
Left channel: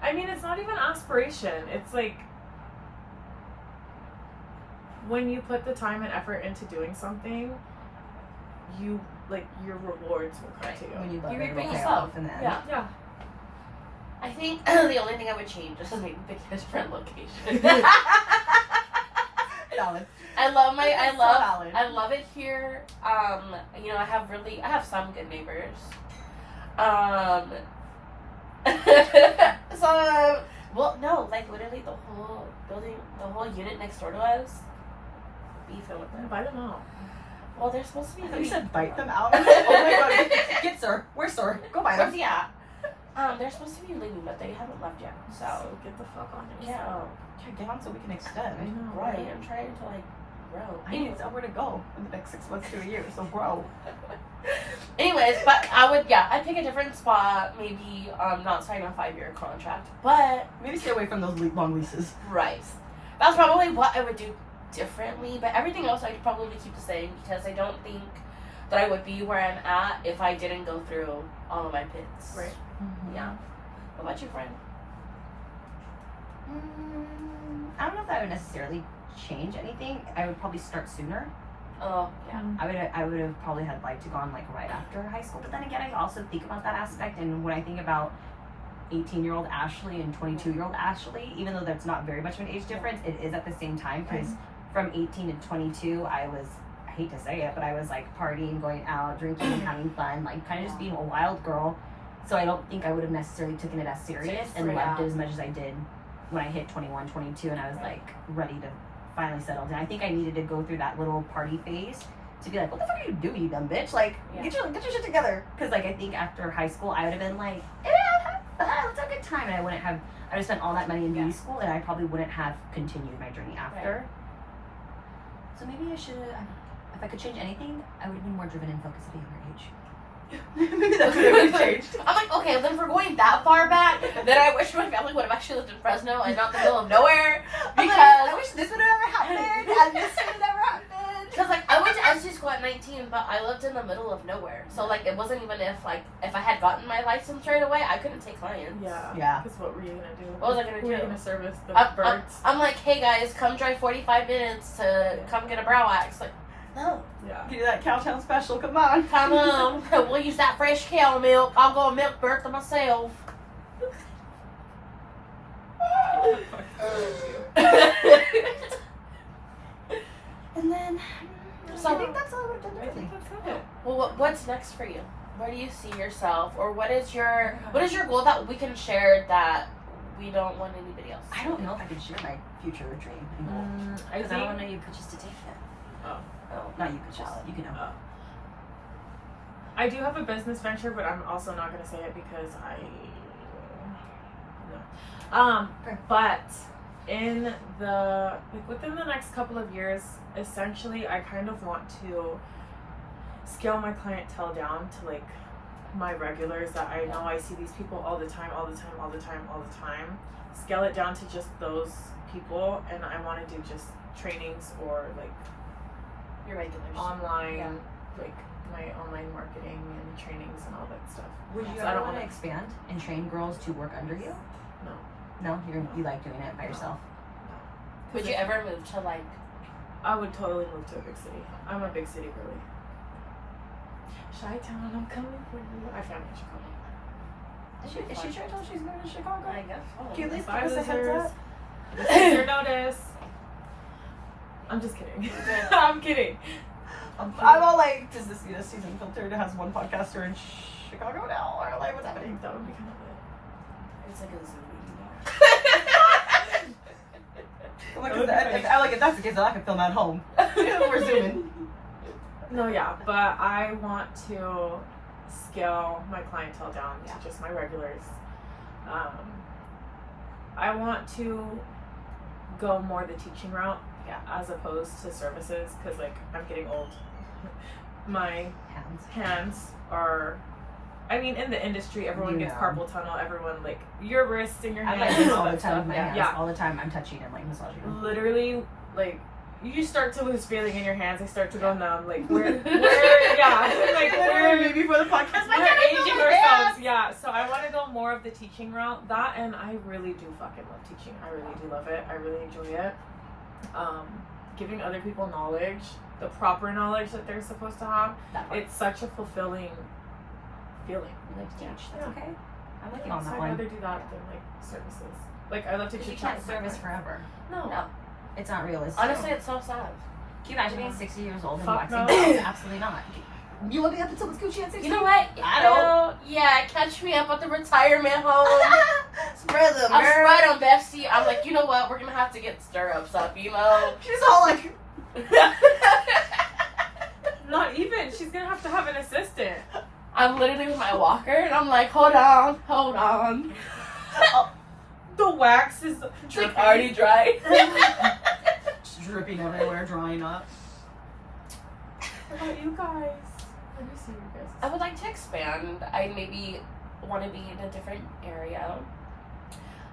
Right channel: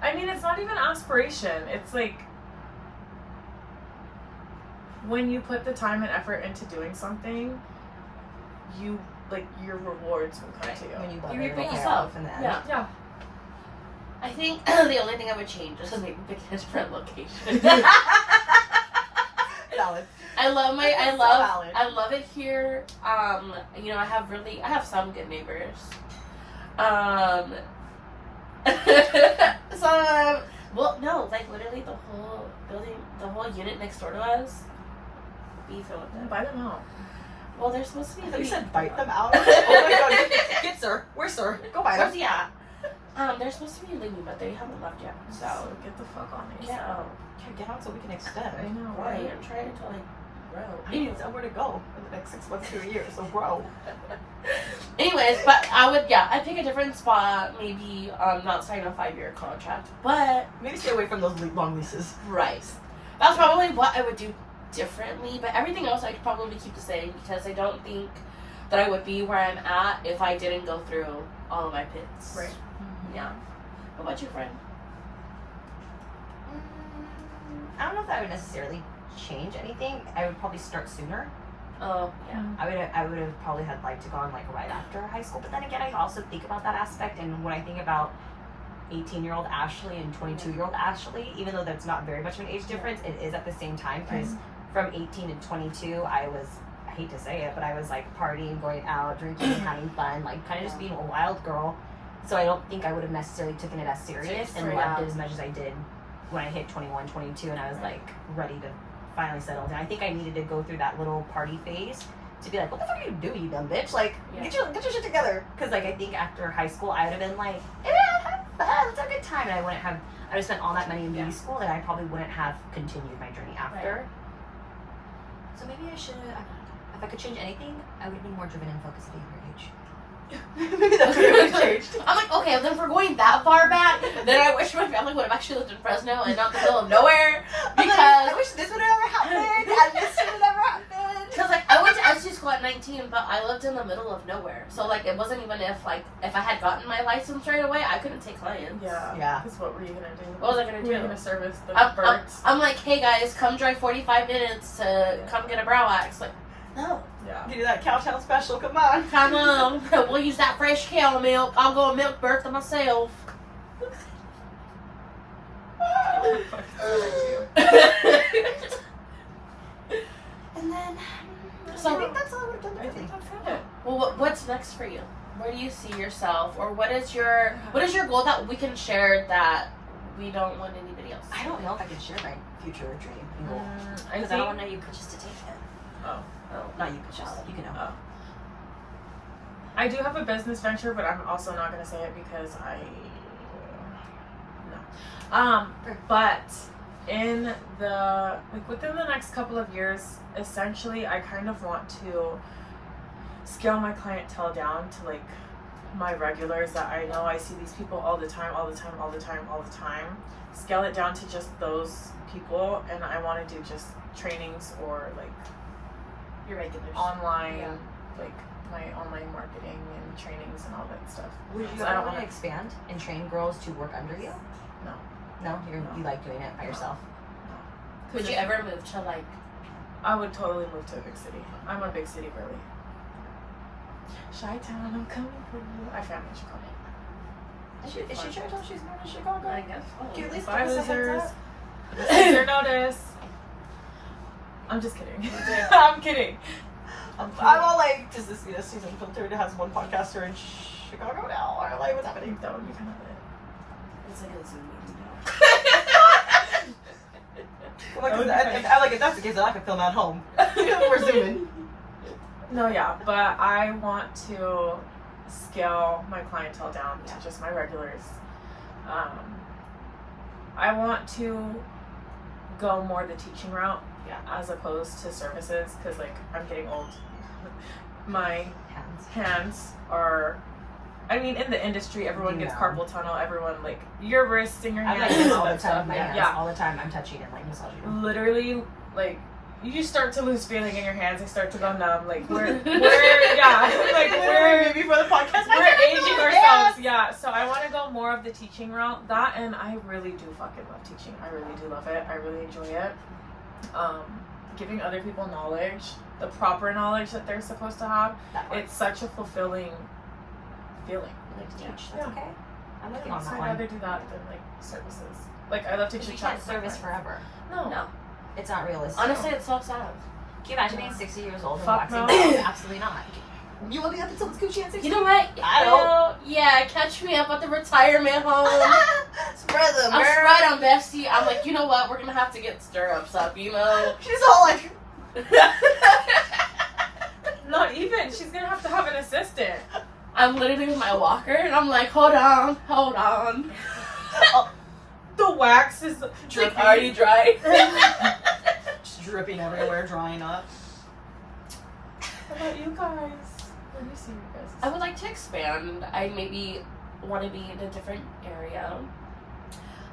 I mean, it's not even aspiration. It's like when you put the time and effort into doing something, you like your rewards will come to you. When you love You it, reap it'll what pay you sow. off in the end. Yeah. Yeah. I think the only thing I would change is maybe the different location. Valid. I love my That's so valid. I love it here. You know, I have some good neighbors. So well, no, like literally the whole building, the whole unit next door to us, beefing with them. Buy them out. Well, they're supposed to be. I thought you said bite them out. Oh my god, get sir. Where's sir? Go buy them. Yeah. They're supposed to be leaving, but they haven't left yet. So Get the fuck on it. yeah, Yeah, get on so we can I extend. know, right. I'm trying to like grow. I need somewhere to go in the next 6 months to a year, so grow. Anyways, but I'd pick a different spot. Maybe not sign a 5-year contract, but Maybe stay away from those long leases. right. That's probably what I would do differently. But everything else I'd probably keep the same because I don't think that I would be where I'm at if I didn't go through all of my pits. Right. Yeah. What about you, friend? I don't know if that would necessarily change anything. I would probably start sooner. Oh, yeah. I would have probably had liked to go on like right after high school. But then again, I also think about that aspect, and when I think about 18-year-old Ashley and 22-year-old Ashley, even though that's not very much of an age difference, it is at the same time because from 18 to 22, I hate to say it, but I was like partying, going out, drinking, and having fun, like kind of just being a wild girl. So I don't think I would have necessarily taken it as serious and loved it as much as I did when I hit 21, 22, and I was like ready to finally settle down. I think I needed to go through that little party phase to be like, what the fuck are you doing, you dumb bitch? Like, get your shit together. Because like I think after high school, I would have been like, have fun, it's a good time, and I would have spent all that money in beauty school, and I probably wouldn't have continued my journey after. Right. So maybe I should. If I could change anything, I would have been more driven and focused at a younger age. Maybe that's what I would have changed. I'm like, okay, then if we're going that far back, then I wish my family would have actually lived in Fresno and not the middle of nowhere. Because I wish this would have ever happened, and this would have never happened. Because like I went to Esties school at 19, but I lived in the middle of nowhere. So like it wasn't even if I had gotten my license right away, I couldn't take clients. Yeah. Because what were you gonna do? What was I gonna Were you do? gonna service the I'm birds? like, hey guys, come drive 45 minutes to come get a brow wax. Like, no. Yeah. Give you that Cowtown special, come on. Come on, we'll use that fresh cow milk. I'll go milk Bertha myself. And then, So I think that's all I would have done I think differently. that's it. well, what's next for you? Where do you see yourself, or what is your goal that we can share that we don't want anybody else? I don't know if I can share my future dream and goal. Because I don't want you just to take it. Oh. Not you, just you can know. I do have a business venture, but I'm also not gonna say it because but in the within the next couple of years, essentially, I kind of want to scale my clientele down to like my regulars that I know I see these people all the time. Scale it down to just those people, and I want to do just trainings or like Your regulars. online, like my online marketing and trainings and all that stuff. Would you So I ever don't want to wanna- expand and train girls to work under you? No. No? You like doing it by yourself? Would you ever move to like? I would totally move to a big city. I'm a big city girly. Chi-town, I'm coming for you. I found in Chicago. Is she sure she's moving to Chicago? I guess. Can you at least give Bye, us a heads losers. up? Losers notice. I'm just kidding. I'm kidding. I'm all like, does this mean Esties Unfiltered has one podcaster in Chicago now? Or like, what's happening? That would be kind of It's like a Zoom meeting. If that's the case, then I can film at home. We're zooming. No, yeah, but I want to scale my clientele down Yeah. to just my regulars. I want to go more the teaching route, Yeah. as opposed to services, because like I'm getting old. My Hands. hands are, I mean, in the industry, everyone gets Yeah. carpal tunnel. Everyone, like, your wrists and your I'm hands like and this all all the that time. stuff. My hands Yeah, all the time. I'm touching and like massaging them. literally, like, you start to lose feeling in your hands. They start to go numb. Like we're yeah, like we're before the podcast. we're aging ourselves. Yeah, so I want to go more of the teaching route. That, and I really do fucking love teaching. I really do love it. I really enjoy it. Giving other people knowledge, the proper knowledge that they're supposed to have. That works. It's such a fulfilling feeling. Like to teach. Yeah. That's okay. I'm with you on So that I'd one. rather do that than like services. Like I love to Because you teach. can't service forever. No. No. It's not realistic. Honestly, it's so sad. Can you imagine being 60 years old and Fuck waxing no. nails? Absolutely not. You want to be up until it's Gucci at 60? You know what? I don't. Yeah, catch me up at the retirement home. Spread them, I'm girl. right on Bestie. I'm like, you know what? We're gonna have to get stirrups up, you know? She's all like, Not even. She's gonna have to have an assistant. I'm literally with my walker, and I'm like, hold on. The wax is dripping. Already dry. just dripping everywhere, drying up. How about you guys? What do you see, you guys? I would like to expand. I maybe want to be in a different area.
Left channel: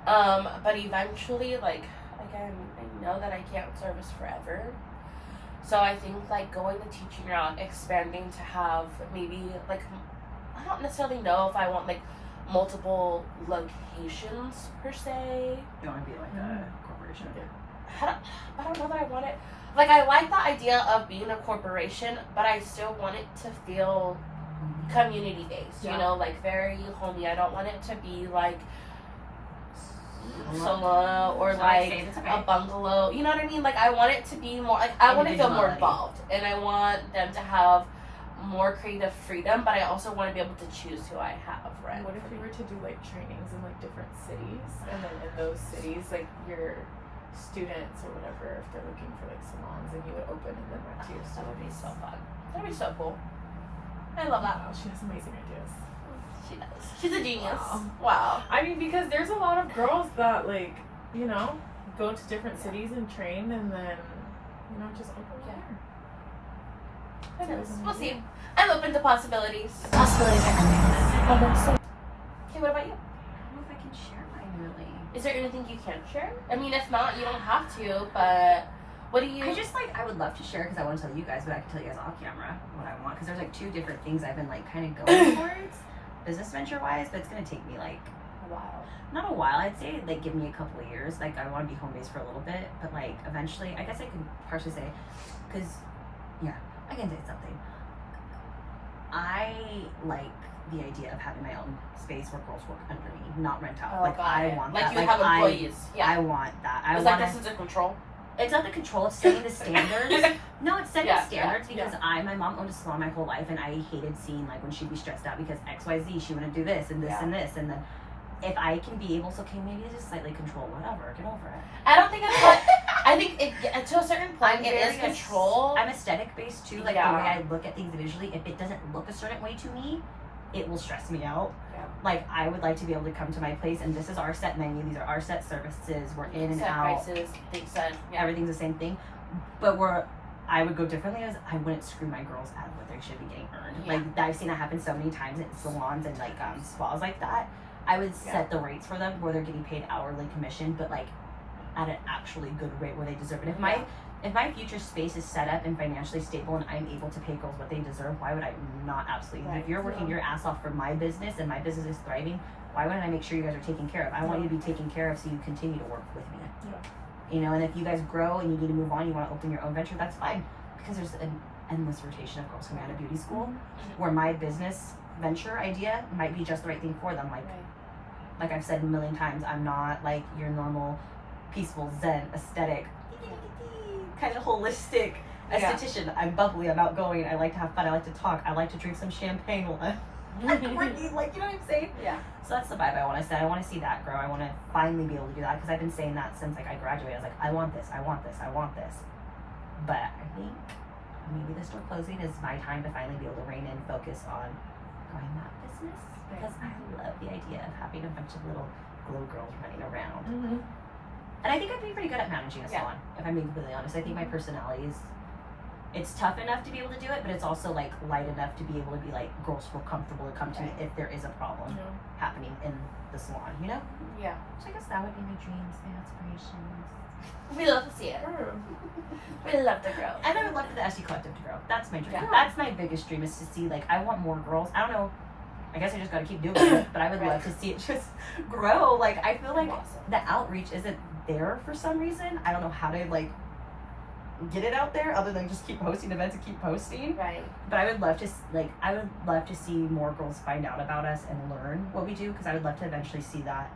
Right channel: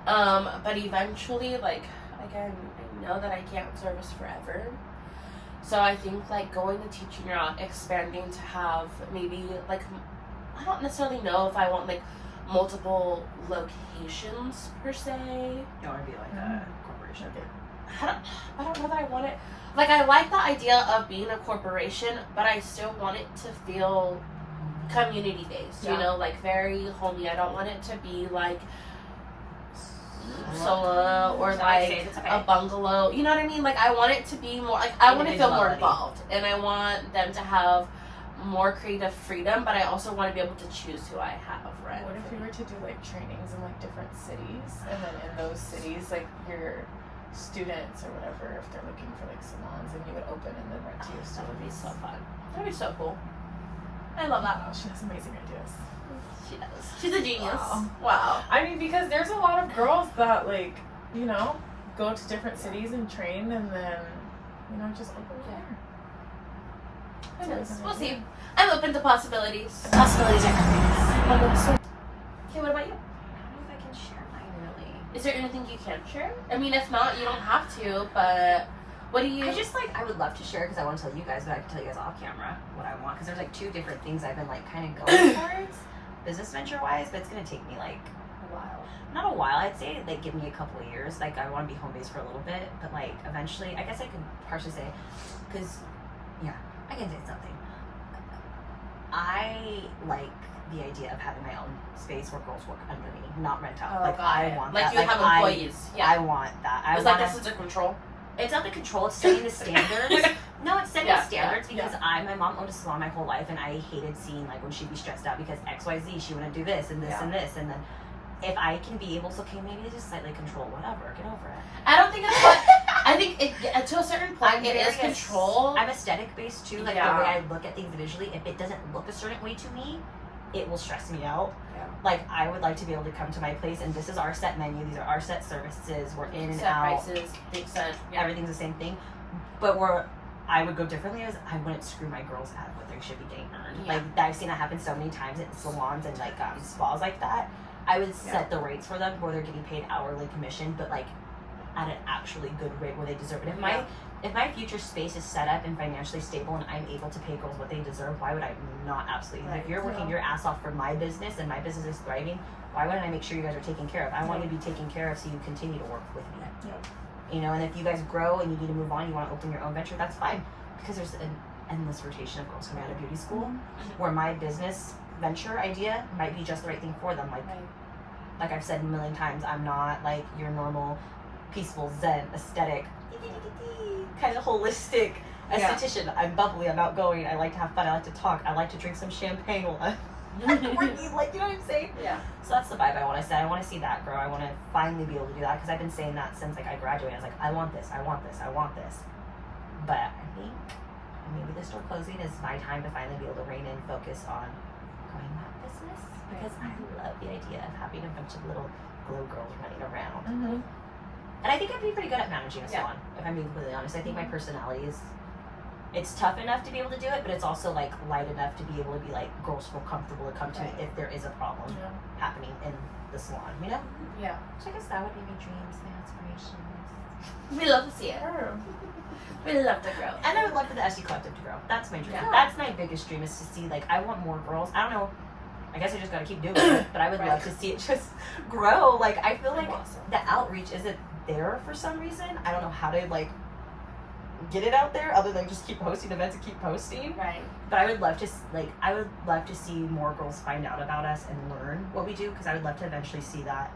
But eventually, like, again, I know that I can't service forever. So I think, like, going the teaching route, expanding to have maybe, like, I don't necessarily know if I want, like, multiple locations, per se. You want to be like a corporation. I don't know that I want it. Like, I like the idea of being a corporation, but I still want it to feel community based, you Yeah. know, like very homey. I don't want it to be like solo or like a bungalow. You know what I mean? Like, I want it to be more like I want to feel more involved, and I want them to have more creative freedom, but I also want to be able to choose who I have. Right? What if we were to do like trainings in like different cities, and then in those cities, like your students or whatever, if they're looking for like salons, and you would open and then rent to your That would be students. so fun. That'd be so cool. I love that. Wow, she has amazing ideas. She does. She's a genius. Wow. Wow. I mean, because there's a lot of girls that like, you know, go to different cities and train, and then, you know, just open there. We'll see. I'm open to possibilities. Possibilities are endless. Okay, what about you? I don't know if I can share mine really. Is there anything you can share? I mean, if not, you don't have to, but what do you... I just like, I would love to share because I want to tell you guys, but I can tell you guys off camera what I want because there's like two different things I've been like kind of going towards business venture wise, but it's going to take me like a while. not a while. I'd say like give me a couple of years. Like I want to be home based for a little bit, but like eventually, I guess I could partially say, because yeah, I can say something. I like the idea of having my own space where girls work under me, not rent out. Oh, like got I it. want like that. you Like have employees. I want that. I It's want like this is a control. It's not the control, it's setting the standards. No, it's setting Yeah, standards yeah, because my mom owned a salon my whole life and I hated seeing like when she'd be stressed out because XYZ, she wouldn't do this and this Yeah. and this. And then if I can be able to, okay, maybe just slightly control whatever, get over it. I don't think it's like, I think it, to a certain point, I'm it is very control. I'm aesthetic based too, like Yeah. the way I look at things visually. If it doesn't look a certain way to me, it will stress me out. Yeah. Like I would like to be able to come to my place and this is our set menu, these are our set services, we're in and Set out. prices, big set. Yeah. Everything's the same thing, but where I would go differently is I wouldn't screw my girls out of what they should be getting earned. Yeah. Like I've seen that happen so many times in salons and like spas like that. I would set the rates for them where they're getting paid hourly commission, but like at an actually good rate where they deserve it. If my future space is set up and financially stable and I'm able to pay girls what they deserve, why would I not absolutely? Right. If you're working your ass off for my business and my business is thriving, why wouldn't I make sure you guys are taken care of? I want you to be taken care of so you continue to work with me. Yeah. You know, and if you guys grow and you need to move on, you want to open your own venture, that's fine. Because there's an endless rotation of girls coming out of beauty school where my business venture idea might be just the right thing for them. Like I've said a million times, I'm not like your normal peaceful zen aesthetic kind of holistic esthetician. I'm bubbly, I'm outgoing, I like to have fun, I like to talk, I like to drink some champagne while I'm working, like, you know what I'm saying? Yeah. So that's the vibe I want to set. I want to see that grow. I want to finally be able to do that because I've been saying that since like I graduated. I was like, I want this, I want this, I want this. But I think maybe the store closing is my time to finally be able to rein in, focus on growing that business because I love the idea of having a bunch of little glow girls running around. Mm-hmm. And I think I'd be pretty good at managing a salon, if I'm being completely honest. I think my personality is, it's tough enough to be able to do it, but it's also like light enough to be able to be like, girls feel comfortable to come to me if there is a problem happening in the salon, you know? Yeah. So I guess that would be my dreams, my aspirations. We love to see it. We love the girls. And I would love for the Estie Collective to grow. That's my dream. Yeah. That's my biggest dream, is to see, like, I want more girls. I don't know. I guess I just gotta keep doing it, but I would love to see it just grow. Like, I feel like the outreach isn't there for some reason. I don't know how to, like, get it out there other than just keep hosting events and keep posting. Right. But I would love to, I would love to see more girls find out about us and learn what we do, because I would love to eventually see that.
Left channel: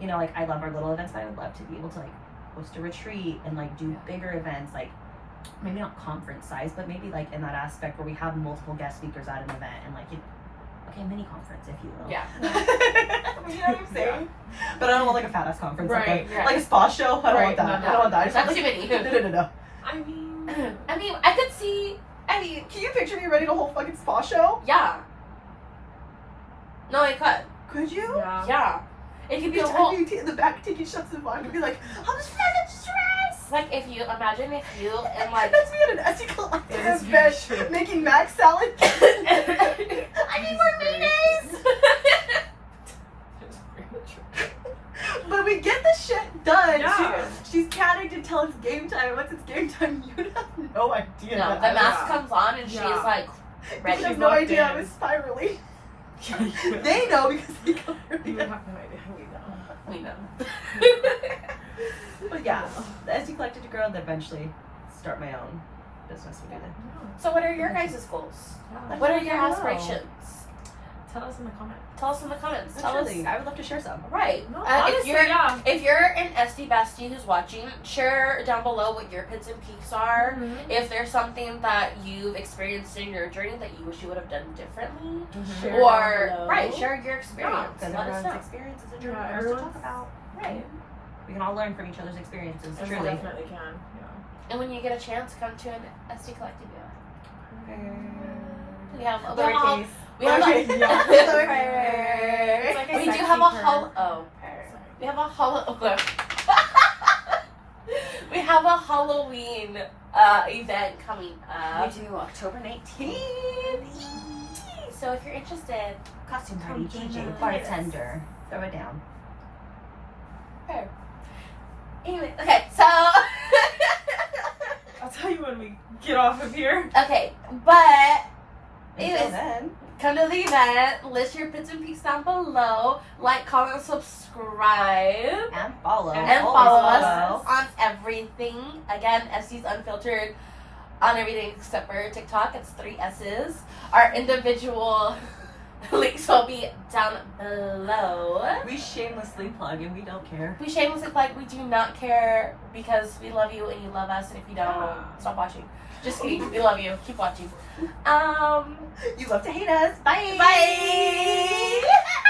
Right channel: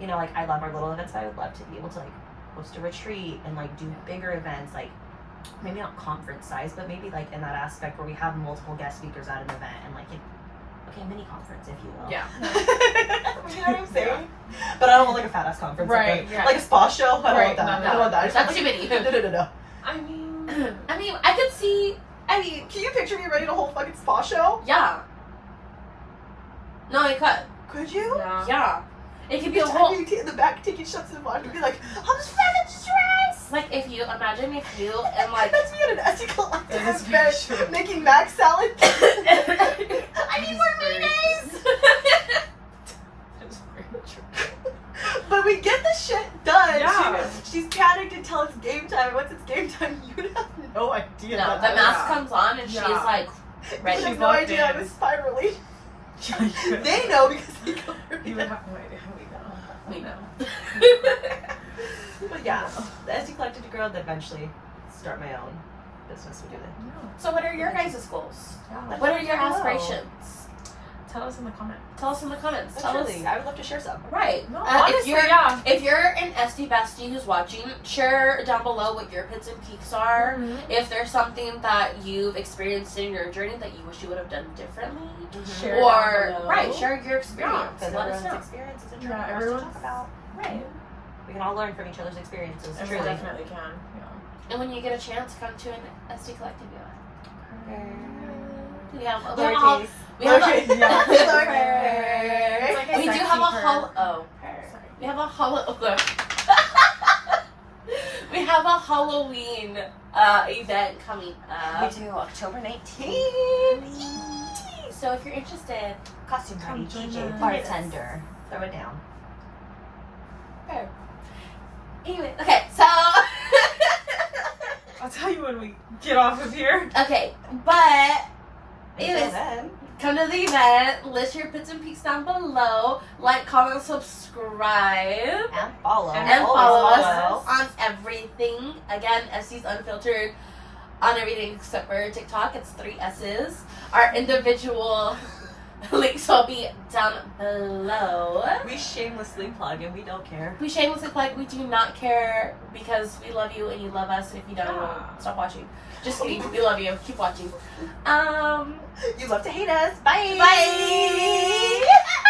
You know, like, I love our little events, but I would love to be able to, like, host a retreat and, like, do bigger events, like, maybe not conference size, but maybe, like, in that aspect where we have multiple guest speakers at an event and, like, okay, mini conference, if you will. Yeah. You know what I'm saying? But I don't want, like, a fat ass conference. Right, Like a spa show. I don't want that. No, I don't want that. That's too many. No. I mean, I could see. I mean, can you picture me running a whole fucking spa show? Yeah. No, you could. Could you? yeah. Yeah. It could be a Each whole. time you in the back taking shots of wine, you'd be like, I'm just fucking stressed. Like, if you imagine if you and like. That's me at an Estie Collective It is very event true. making mac salad. I need more mayonnaise. But we get the shit done. Yeah. She's panicked until it's game time. Once it's game time, you have no idea. No, what the I mask Yeah. comes on and she's Yeah. like You ready. have She's no locked idea I in. was spiraling. You They know because they go You have no idea how we know. We know. But yeah, the Estie Collective to grow, and eventually start my own business. We do that. So, what are your guys' goals? Let What are us your know. aspirations? Tell us in the comments. Tell us in the comments. Tell us. Actually, I would love to share some. Right. No, If honestly, you're yeah. if you're an Estie bestie who's watching, share down below what your pits and peaks are. Mm-hmm. If there's something that you've experienced in your journey that you wish you would have done differently, Share or down below. right, share your experience Because and let us everyone's know. experience is a journey Yeah, for us to everyone's- talk about. Right. We can all learn from each other's experiences. And we Truly. definitely can. Yeah. And when you get a chance, come to an Estie Collective event. We have a Lowercase. we have Lowercase. a, Yeah. It's like a we do sexy have a term. we have a we have a Halloween event coming We up. do October 19th. So if you're interested, Costume party, Come DJ, join us. bartender. Throw it down. fair. Anyway, okay, so I'll tell you when we get off of here. okay, but Until It is- then. come to the event, list your pits and peaks down below, like, comment, subscribe, And follow. and Always follow us follow. on everything. Again, Esties Unfiltered on everything except for TikTok. It's 3 S's. Our individual links will be down below. We shamelessly plug and we don't care. We shamelessly plug. We do not care because we love you and you love us. And if you don't, Yeah. stop watching. Just kidding. We love you. Keep watching. You love to hate us. Bye. Bye.